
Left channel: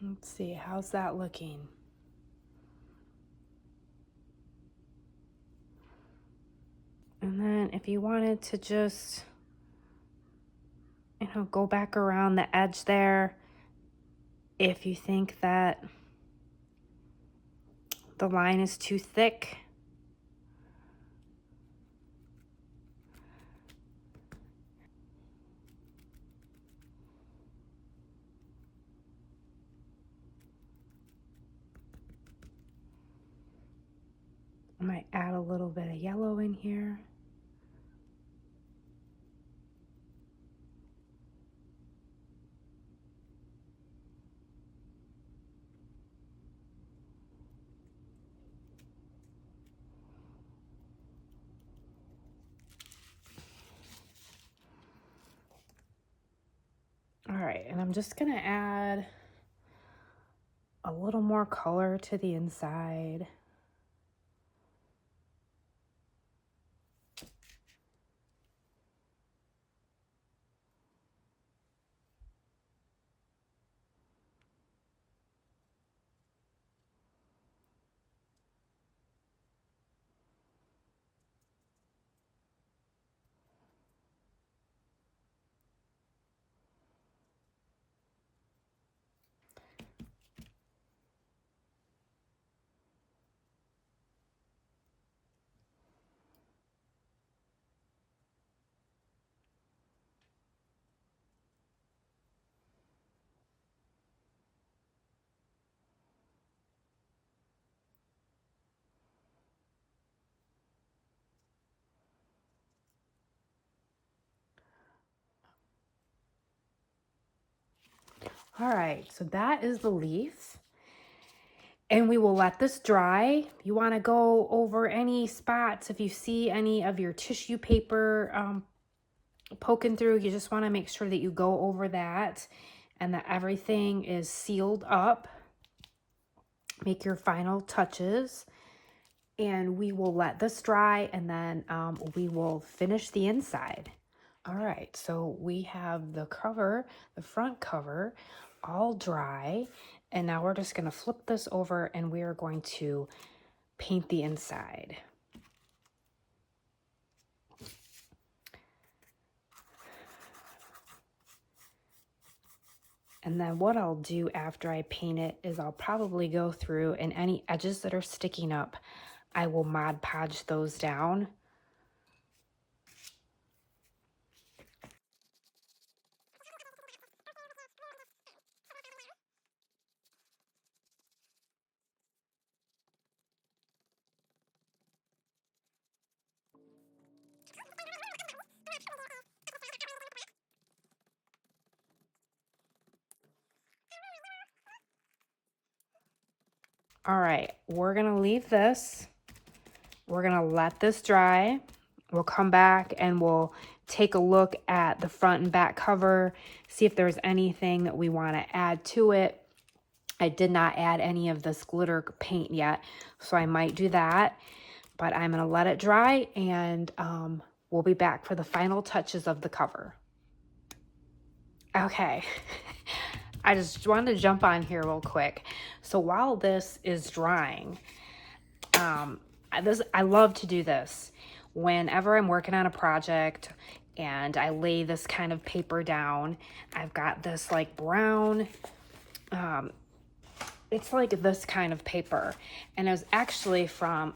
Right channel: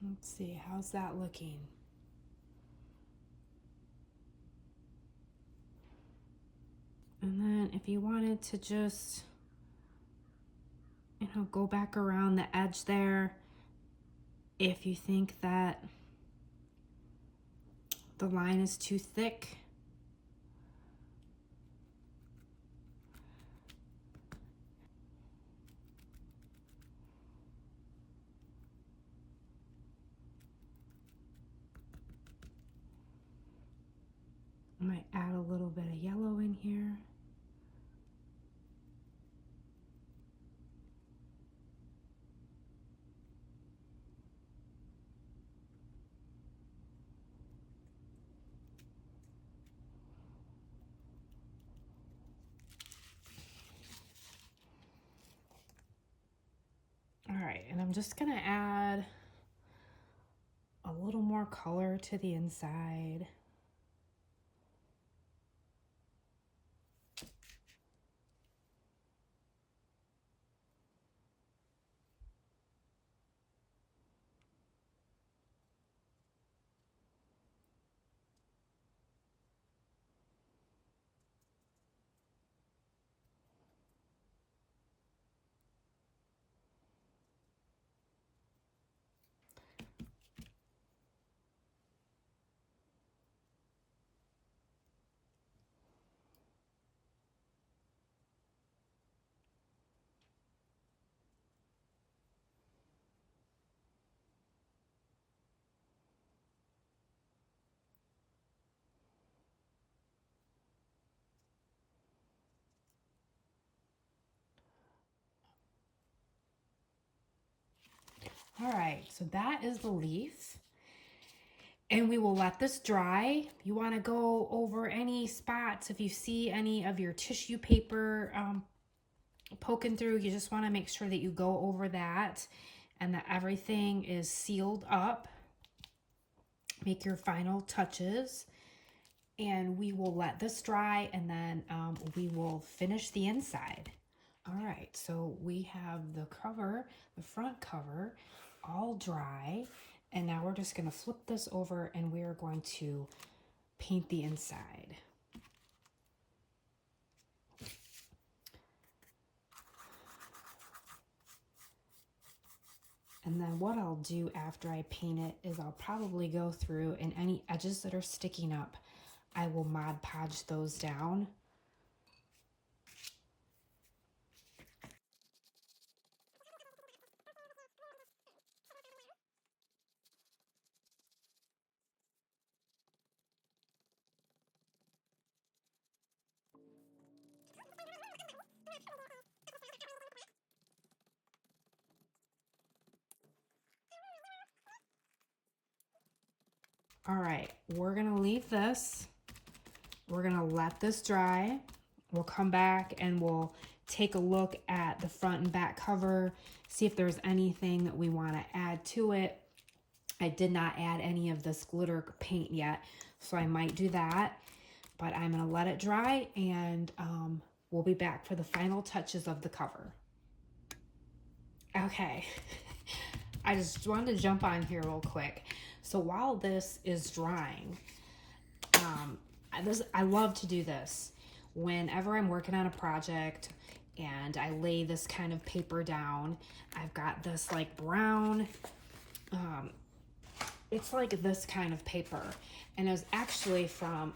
Let's see, how's that looking? And then if you wanted to just, you know, go back around the edge there, if you think that the line is too thick. I might add a little bit of yellow in here. All right, and I'm just gonna add a little more color to the inside. All right, so that is the leaf. And we will let this dry. You want to go over any spots. If you see any of your tissue paper poking through, you just want to make sure that you go over that and that everything is sealed up. Make your final touches. And we will let this dry, and then we will finish the inside. All right, so we have the cover, the front cover, all dry. And now we're just gonna flip this over and we are going to paint the inside. And then what I'll do after I paint it is I'll probably go through, and any edges that are sticking up, I will Mod Podge those down. All right, we're gonna leave this. We're gonna let this dry. We'll come back and we'll take a look at the front and back cover, see if there's anything that we wanna add to it. I did not add any of this glitter paint yet, so I might do that, but I'm gonna let it dry, and we'll be back for the final touches of the cover. Okay, I just wanted to jump on here real quick. So while this is drying, I love to do this whenever I'm working on a project and I lay this kind of paper down. I've got this like brown, it's like this kind of paper, and it was actually from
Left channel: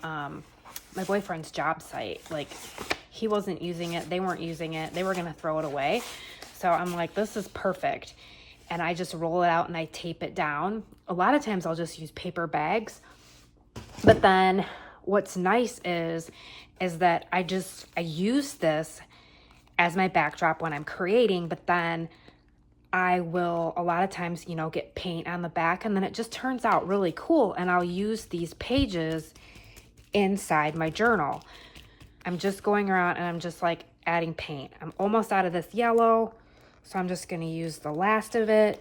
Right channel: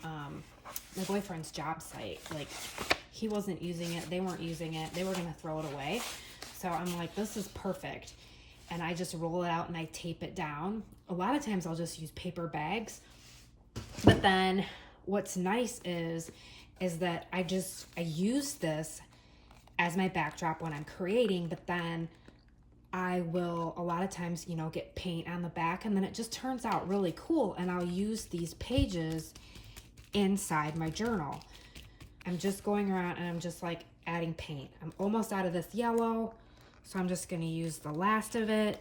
my boyfriend's job site. Like, he wasn't using it, they weren't using it, they were gonna throw it away. So I'm like, this is perfect. And I just roll it out and I tape it down. A lot of times I'll just use paper bags. But then what's nice is that I use this as my backdrop when I'm creating, but then I will a lot of times, you know, get paint on the back, and then it just turns out really cool. And I'll use these pages inside my journal. I'm just going around and I'm just like adding paint. I'm almost out of this yellow, so I'm just gonna use the last of it.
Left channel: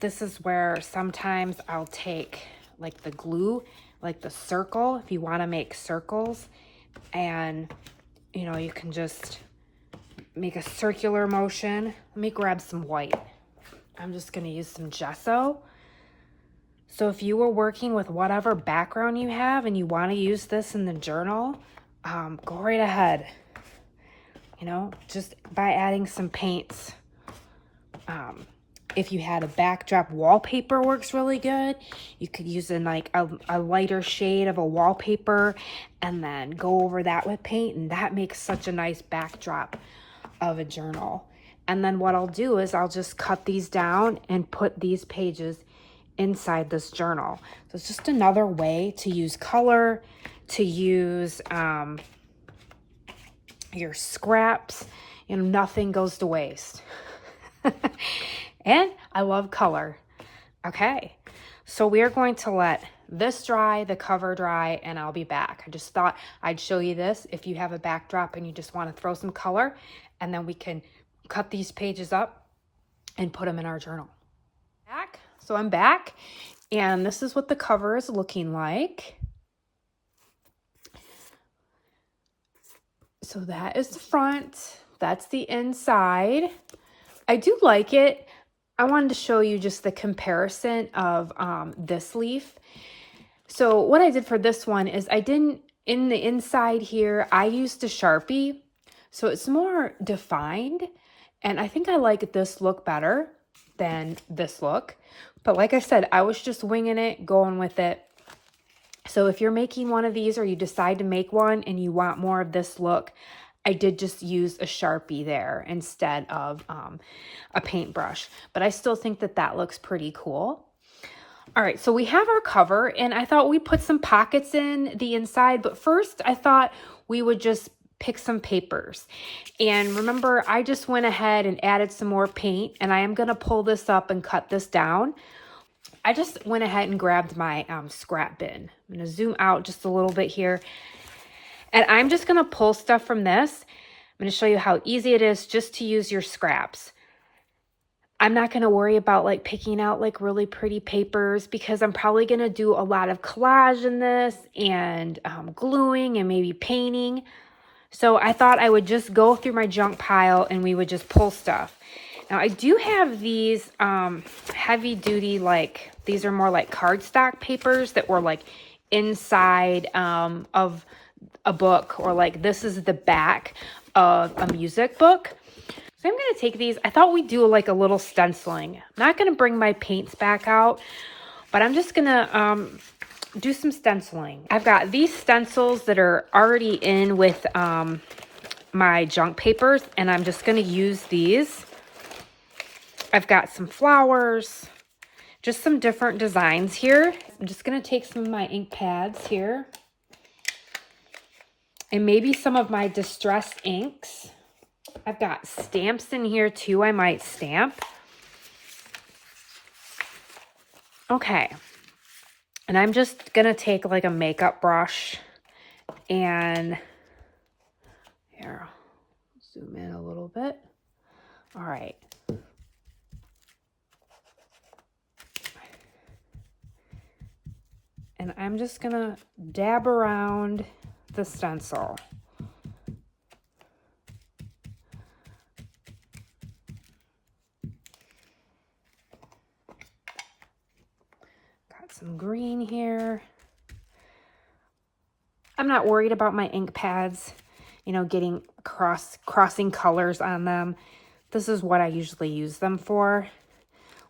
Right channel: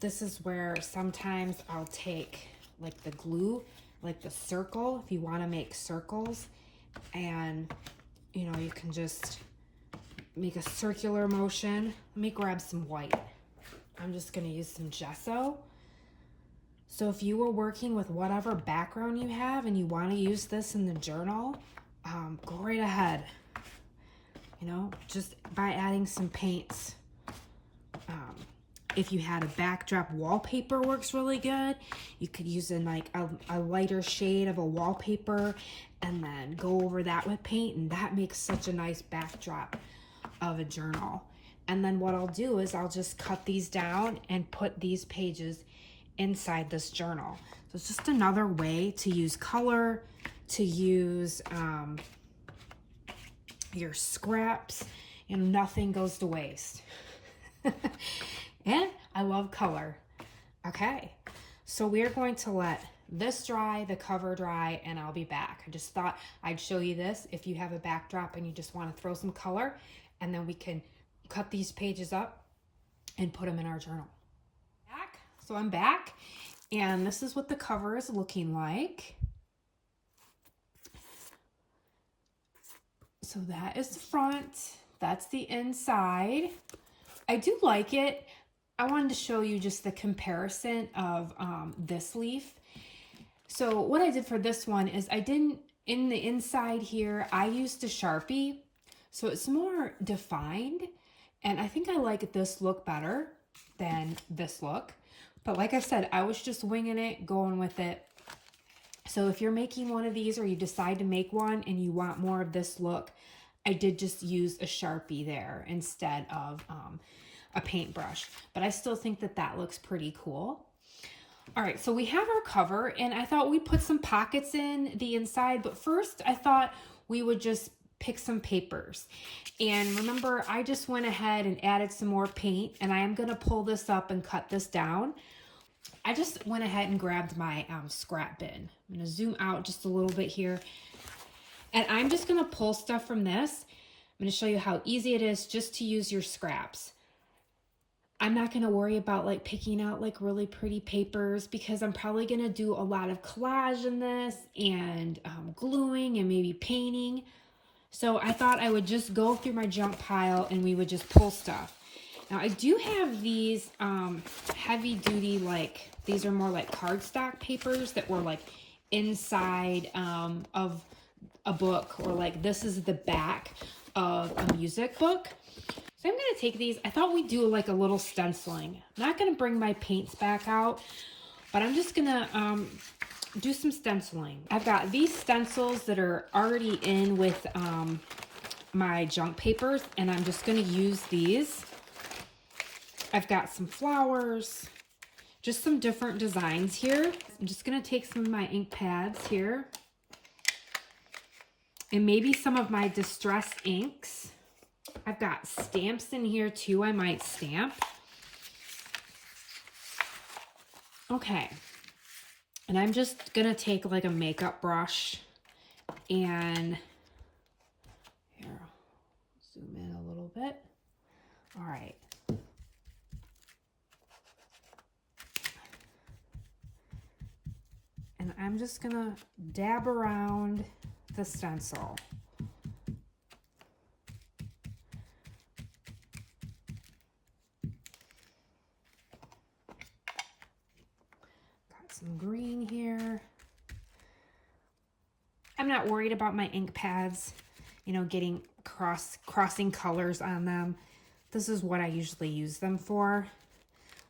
This is where sometimes I'll take like the glue, like the circle, if you wanna make circles, and you know, you can just make a circular motion. Let me grab some white. I'm just gonna use some gesso. So if you were working with whatever background you have and you wanna use this in the journal, go right ahead. You know, just by adding some paints. If you had a backdrop wallpaper, works really good. You could use in like a lighter shade of a wallpaper and then go over that with paint, and that makes such a nice backdrop of a journal. And then what I'll do is I'll just cut these down and put these pages inside this journal. So it's just another way to use color to use your scraps. You know, nothing goes to waste. And I love color. Okay, so we're going to let this dry, the cover dry, and I'll be back. I just thought I'd show you this if you have a backdrop and you just want to throw some color, and then we can cut these pages up and put them in our journal. So I'm back, and this is what the cover is looking like. So that is the front, that's the inside. I do like it. I wanted to show you just the comparison of this leaf. So what I did for this one is I didn't, in the inside here, I used a Sharpie. So it's more defined. And I think I like this look better than this look. But like I said, I was just winging it, going with it. So if you're making one of these or you decide to make one and you want more of this look, I did just use a Sharpie there instead of a paintbrush. But I still think that that looks pretty cool. All right, so we have our cover, and I thought we'd put some pockets in the inside, but first I thought we would just pick some papers. And remember, I just went ahead and added some more paint, and I am going to pull this up and cut this down. I just went ahead and grabbed my scrap bin. I'm going to zoom out just a little bit here, and I'm just going to pull stuff from this. I'm going to show you how easy it is just to use your scraps. I'm not going to worry about like picking out like really pretty papers because I'm probably going to do a lot of collage in this and gluing and maybe painting. So I thought I would just go through my junk pile and we would just pull stuff. Now I do have these heavy duty, like these are more like cardstock papers that were like inside of a book, or like this is the back of a music book. So I'm going to take these. I thought we'd do like a little stenciling. I'm not going to bring my paints back out, but I'm just going to do some stenciling. I've got these stencils that are already in with my junk papers, and I'm just going to use these. I've got some flowers, just some different designs here. I'm just going to take some of my ink pads here and maybe some of my distressed inks. I've got stamps in here too, I might stamp. Okay, and I'm just gonna take like a makeup brush and here, zoom in a little bit. All right. And I'm just gonna dab around the stencil. Some green here. I'm not worried about my ink pads, you know, getting crossing colors on them. This is what I usually use them for.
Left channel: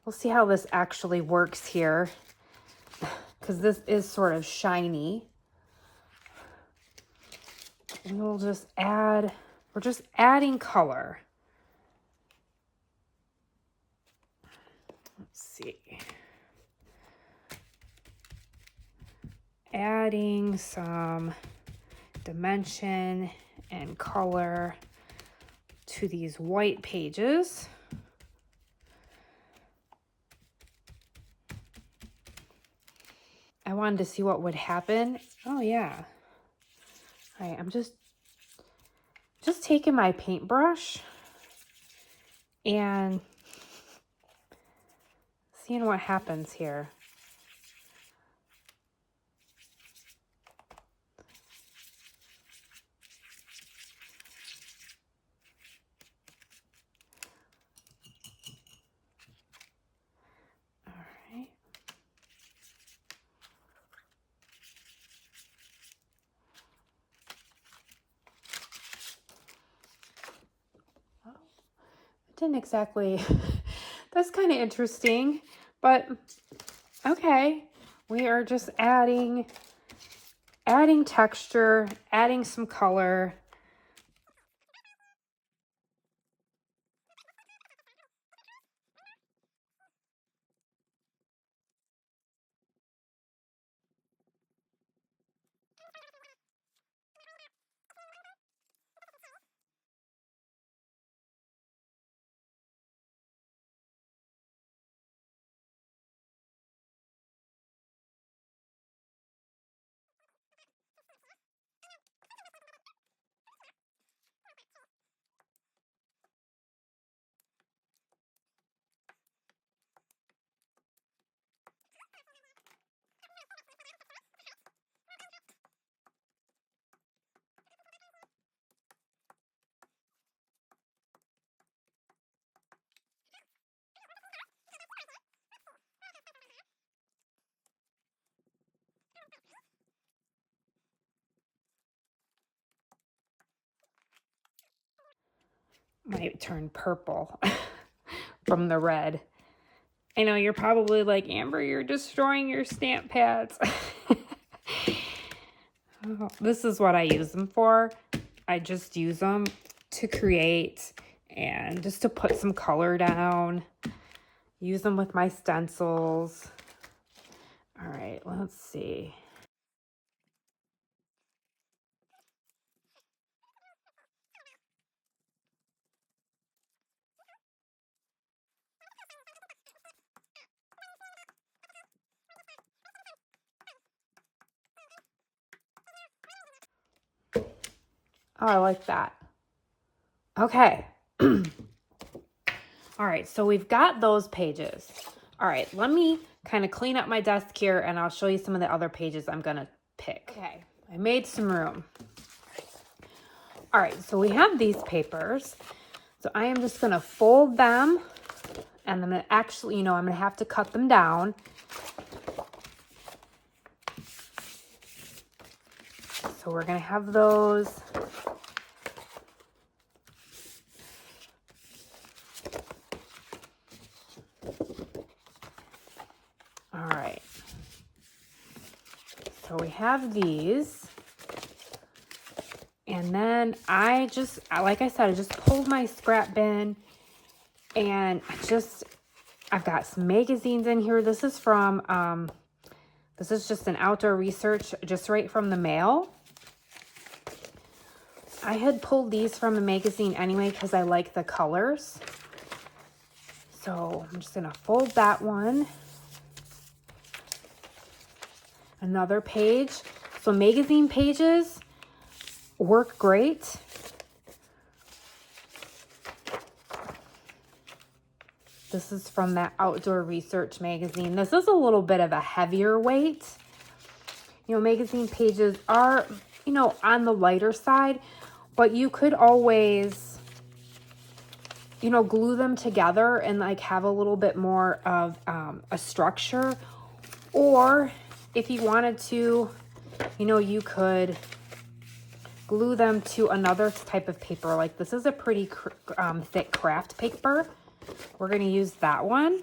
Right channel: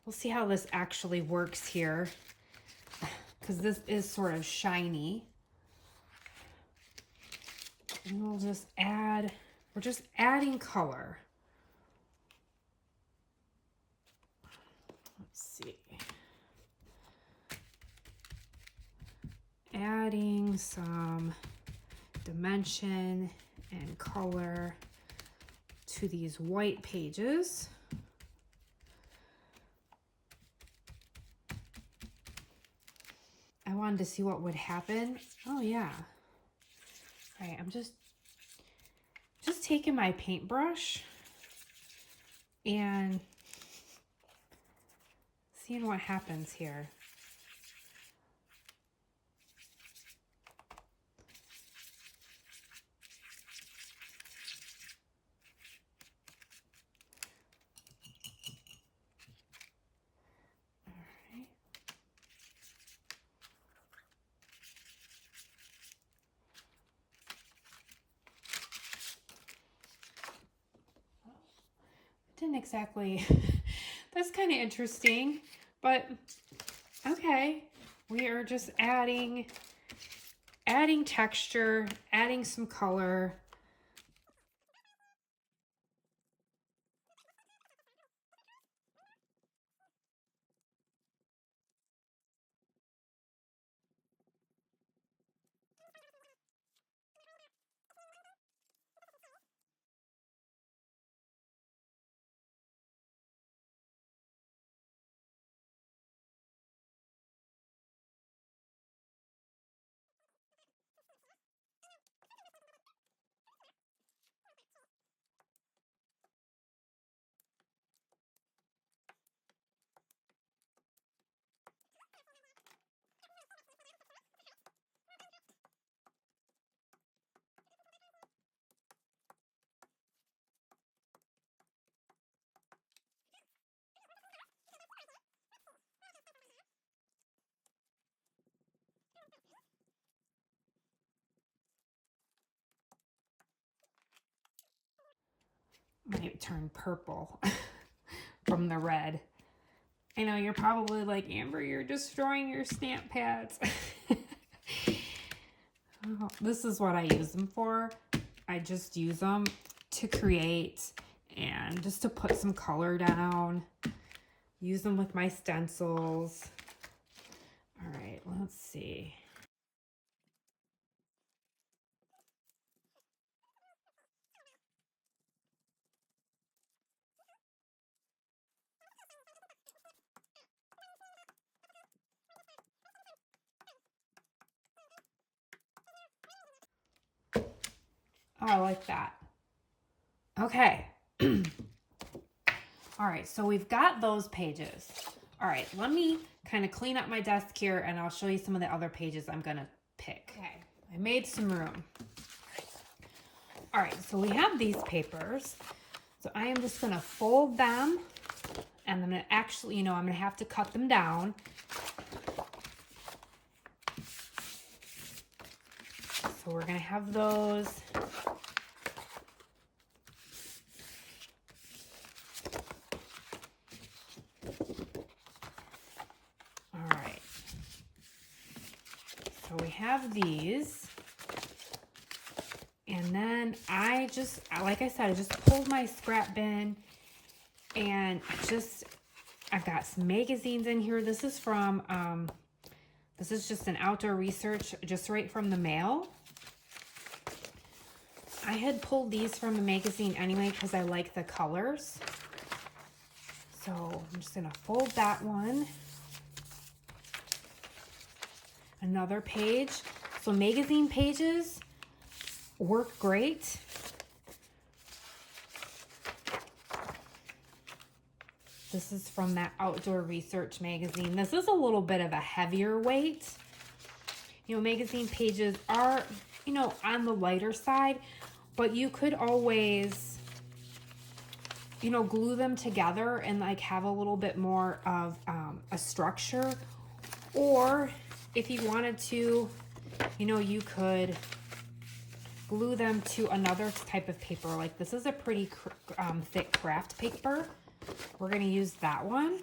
We'll see how this actually works here, because this is sort of shiny. And we'll just add, we're just adding color. Let's see. Adding some dimension and color to these white pages. I wanted to see what would happen. Oh yeah. All right, I'm just taking my paintbrush and seeing what happens here. Didn't exactly, that's kind of interesting, but okay. We are just adding texture, adding some color. might turn purple from the red. I know you're probably like, Amber, you're destroying your stamp pads. This is what I use them for. I just use them to create and just to put some color down. Use them with my stencils. All right, let's see. Oh, I like that. Okay. All right, so we've got those pages. All right, let me kind of clean up my desk here and I'll show you some of the other pages I'm gonna pick. Okay, I made some room. All right, so we have these papers. So I am just gonna fold them and I'm gonna actually, I'm gonna have to cut them down. So we're gonna have those. All right. So we have these. And then I just, like I said, I just pulled my scrap bin and I've got some magazines in here. This is from, this is just an outdoor research, just right from the mail. I had pulled these from a magazine anyway because I like the colors. So I'm just gonna fold that one. Another page. So magazine pages work great. This is from that outdoor research magazine. This is a little bit of a heavier weight. Magazine pages are, on the lighter side, but you could always, glue them together and like have a little bit more of a structure. Or if you wanted to, you could glue them to another type of paper. Like this is a pretty thick craft paper. We're going to use that one.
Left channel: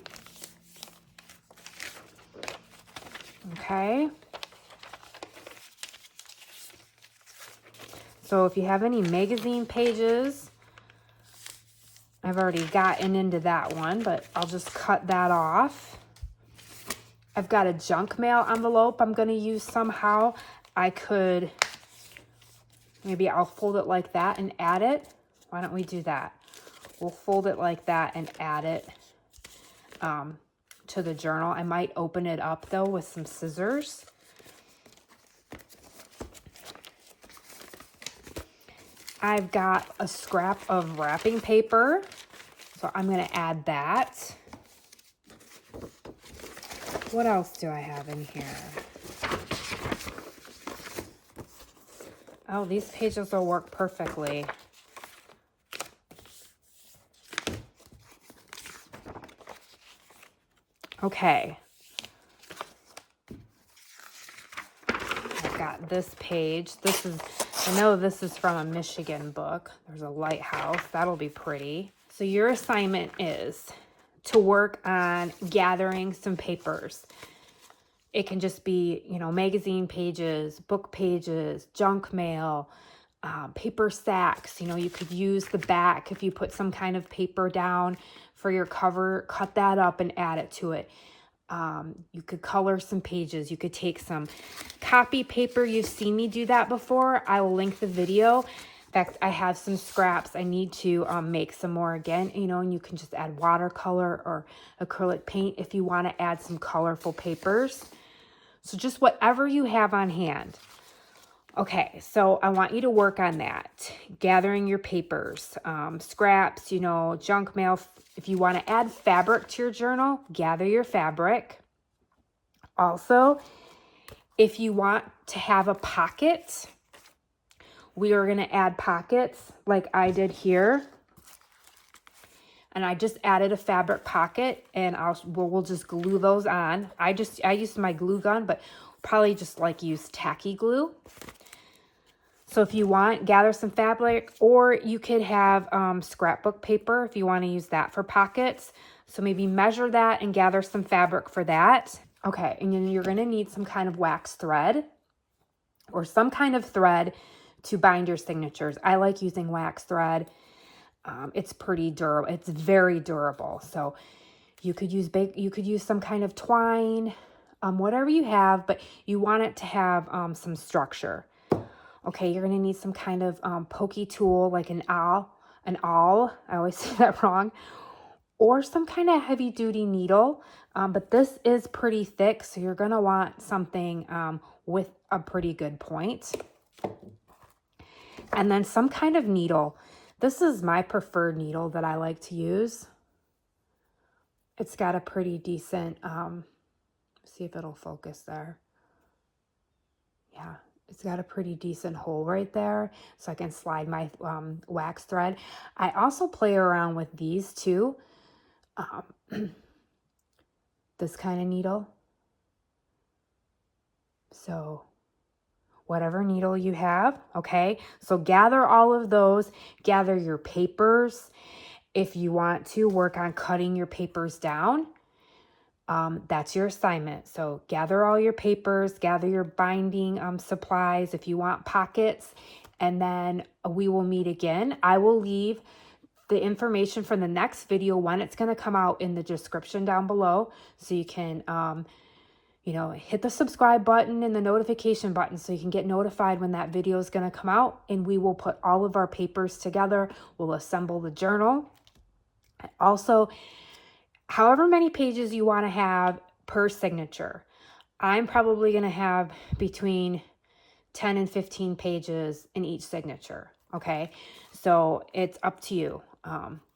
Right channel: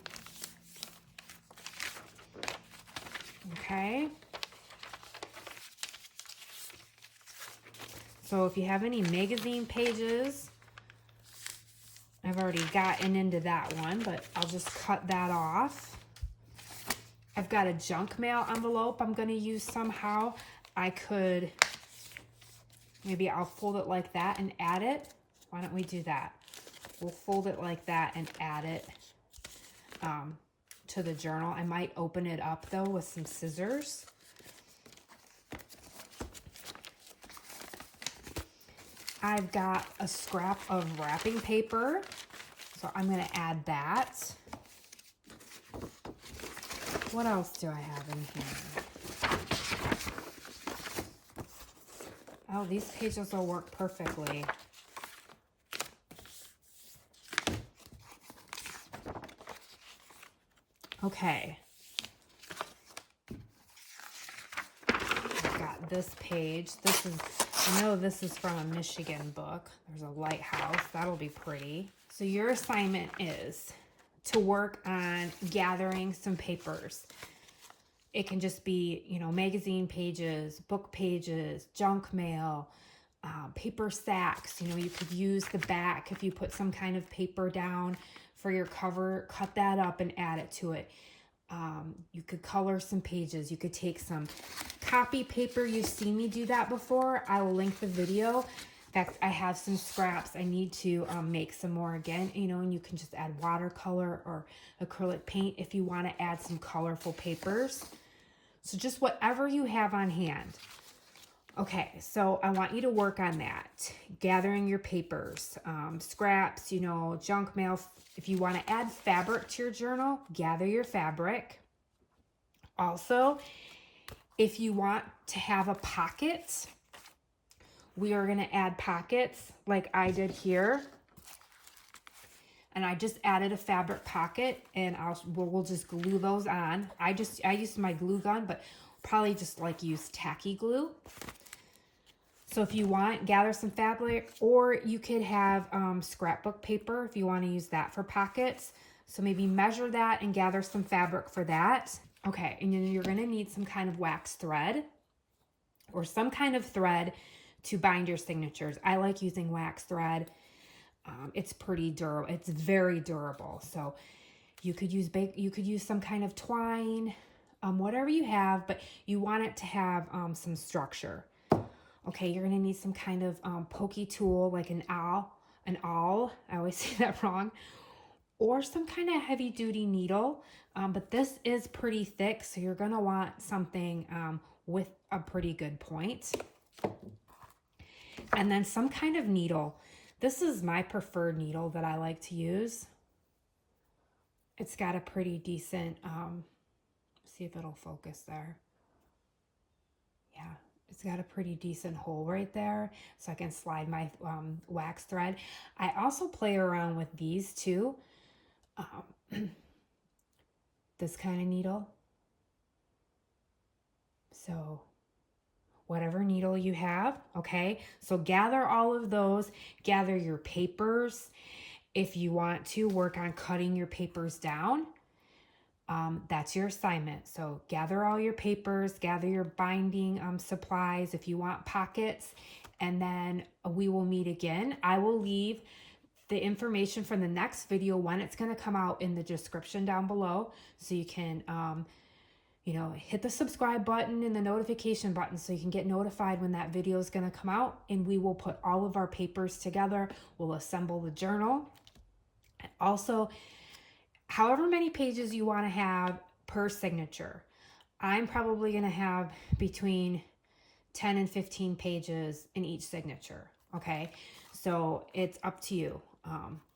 Okay. So if you have any magazine pages, I've already gotten into that one, but I'll just cut that off. I've got a junk mail envelope I'm going to use somehow. I could, maybe I'll fold it like that and add it. Why don't we do that? We'll fold it like that and add it to the journal. I might open it up though with some scissors. I've got a scrap of wrapping paper, so I'm going to add that. What else do I have in here? Oh, these pages will work perfectly. Okay. I've got this page. I know this is from a Michigan book. There's a lighthouse. That'll be pretty. So your assignment is to work on gathering some papers. It can just be, magazine pages, book pages, junk mail, paper sacks. You could use the back if you put some kind of paper down for your cover, cut that up and add it to it. You could color some pages. You could take some copy paper. You've seen me do that before. I will link the video. In fact, I have some scraps. I need to make some more again, and you can just add watercolor or acrylic paint if you want to add some colorful papers. So just whatever you have on hand. Okay, so I want you to work on that. Gathering your papers, scraps, junk mail. If you want to add fabric to your journal, gather your fabric. Also, if you want to have a pocket, we are going to add pockets like I did here. And I just added a fabric pocket and we'll just glue those on. I used my glue gun, but probably just use tacky glue. So if you want, gather some fabric, or you could have scrapbook paper if you want to use that for pockets. So maybe measure that and gather some fabric for that. Okay, and then you're going to need some kind of wax thread or some kind of thread to bind your signatures. I like using wax thread. It's pretty durable. It's very durable. So you could use some kind of twine, whatever you have, but you want it to have some structure. Okay, you're going to need some kind of pokey tool like an awl. I always say that wrong. Or some kind of heavy duty needle. But this is pretty thick, so you're going to want something with a pretty good point. And then some kind of needle. This is my preferred needle that I like to use. It's got a pretty decent, see if it'll focus there. Yeah, it's got a pretty decent hole right there, so I can slide my wax thread. I also play around with these too. This kind of needle. So whatever needle you have, okay? So gather all of those, gather your papers. If you want to work on cutting your papers down, that's your assignment. So gather all your papers, gather your binding supplies if you want pockets, and then we will meet again. I will leave the information from the next video when it's going to come out in the description down below, so you can hit the subscribe button and the notification button so you can get notified when that video is going to come out, and we will put all of our papers together. We'll assemble the journal. Also, however many pages you want to have per signature. I'm probably going to have between 10 and 15 pages in each signature. Okay, so it's up to you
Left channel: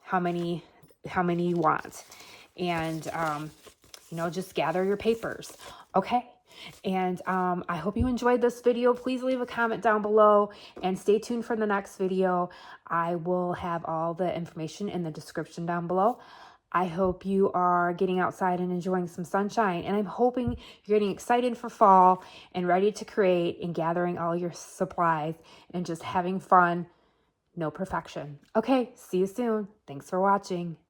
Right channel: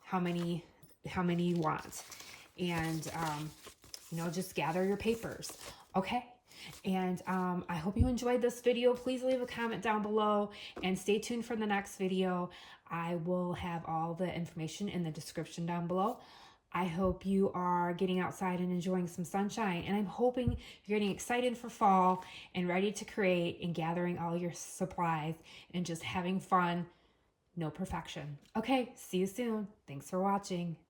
how many you want, and just gather your papers. Okay, and I hope you enjoyed this video. Please leave a comment down below and stay tuned for the next video. I will have all the information in the description down below. I hope you are getting outside and enjoying some sunshine, and I'm hoping you're getting excited for fall and ready to create and gathering all your supplies and just having fun. No perfection. Okay, see you soon. Thanks for watching.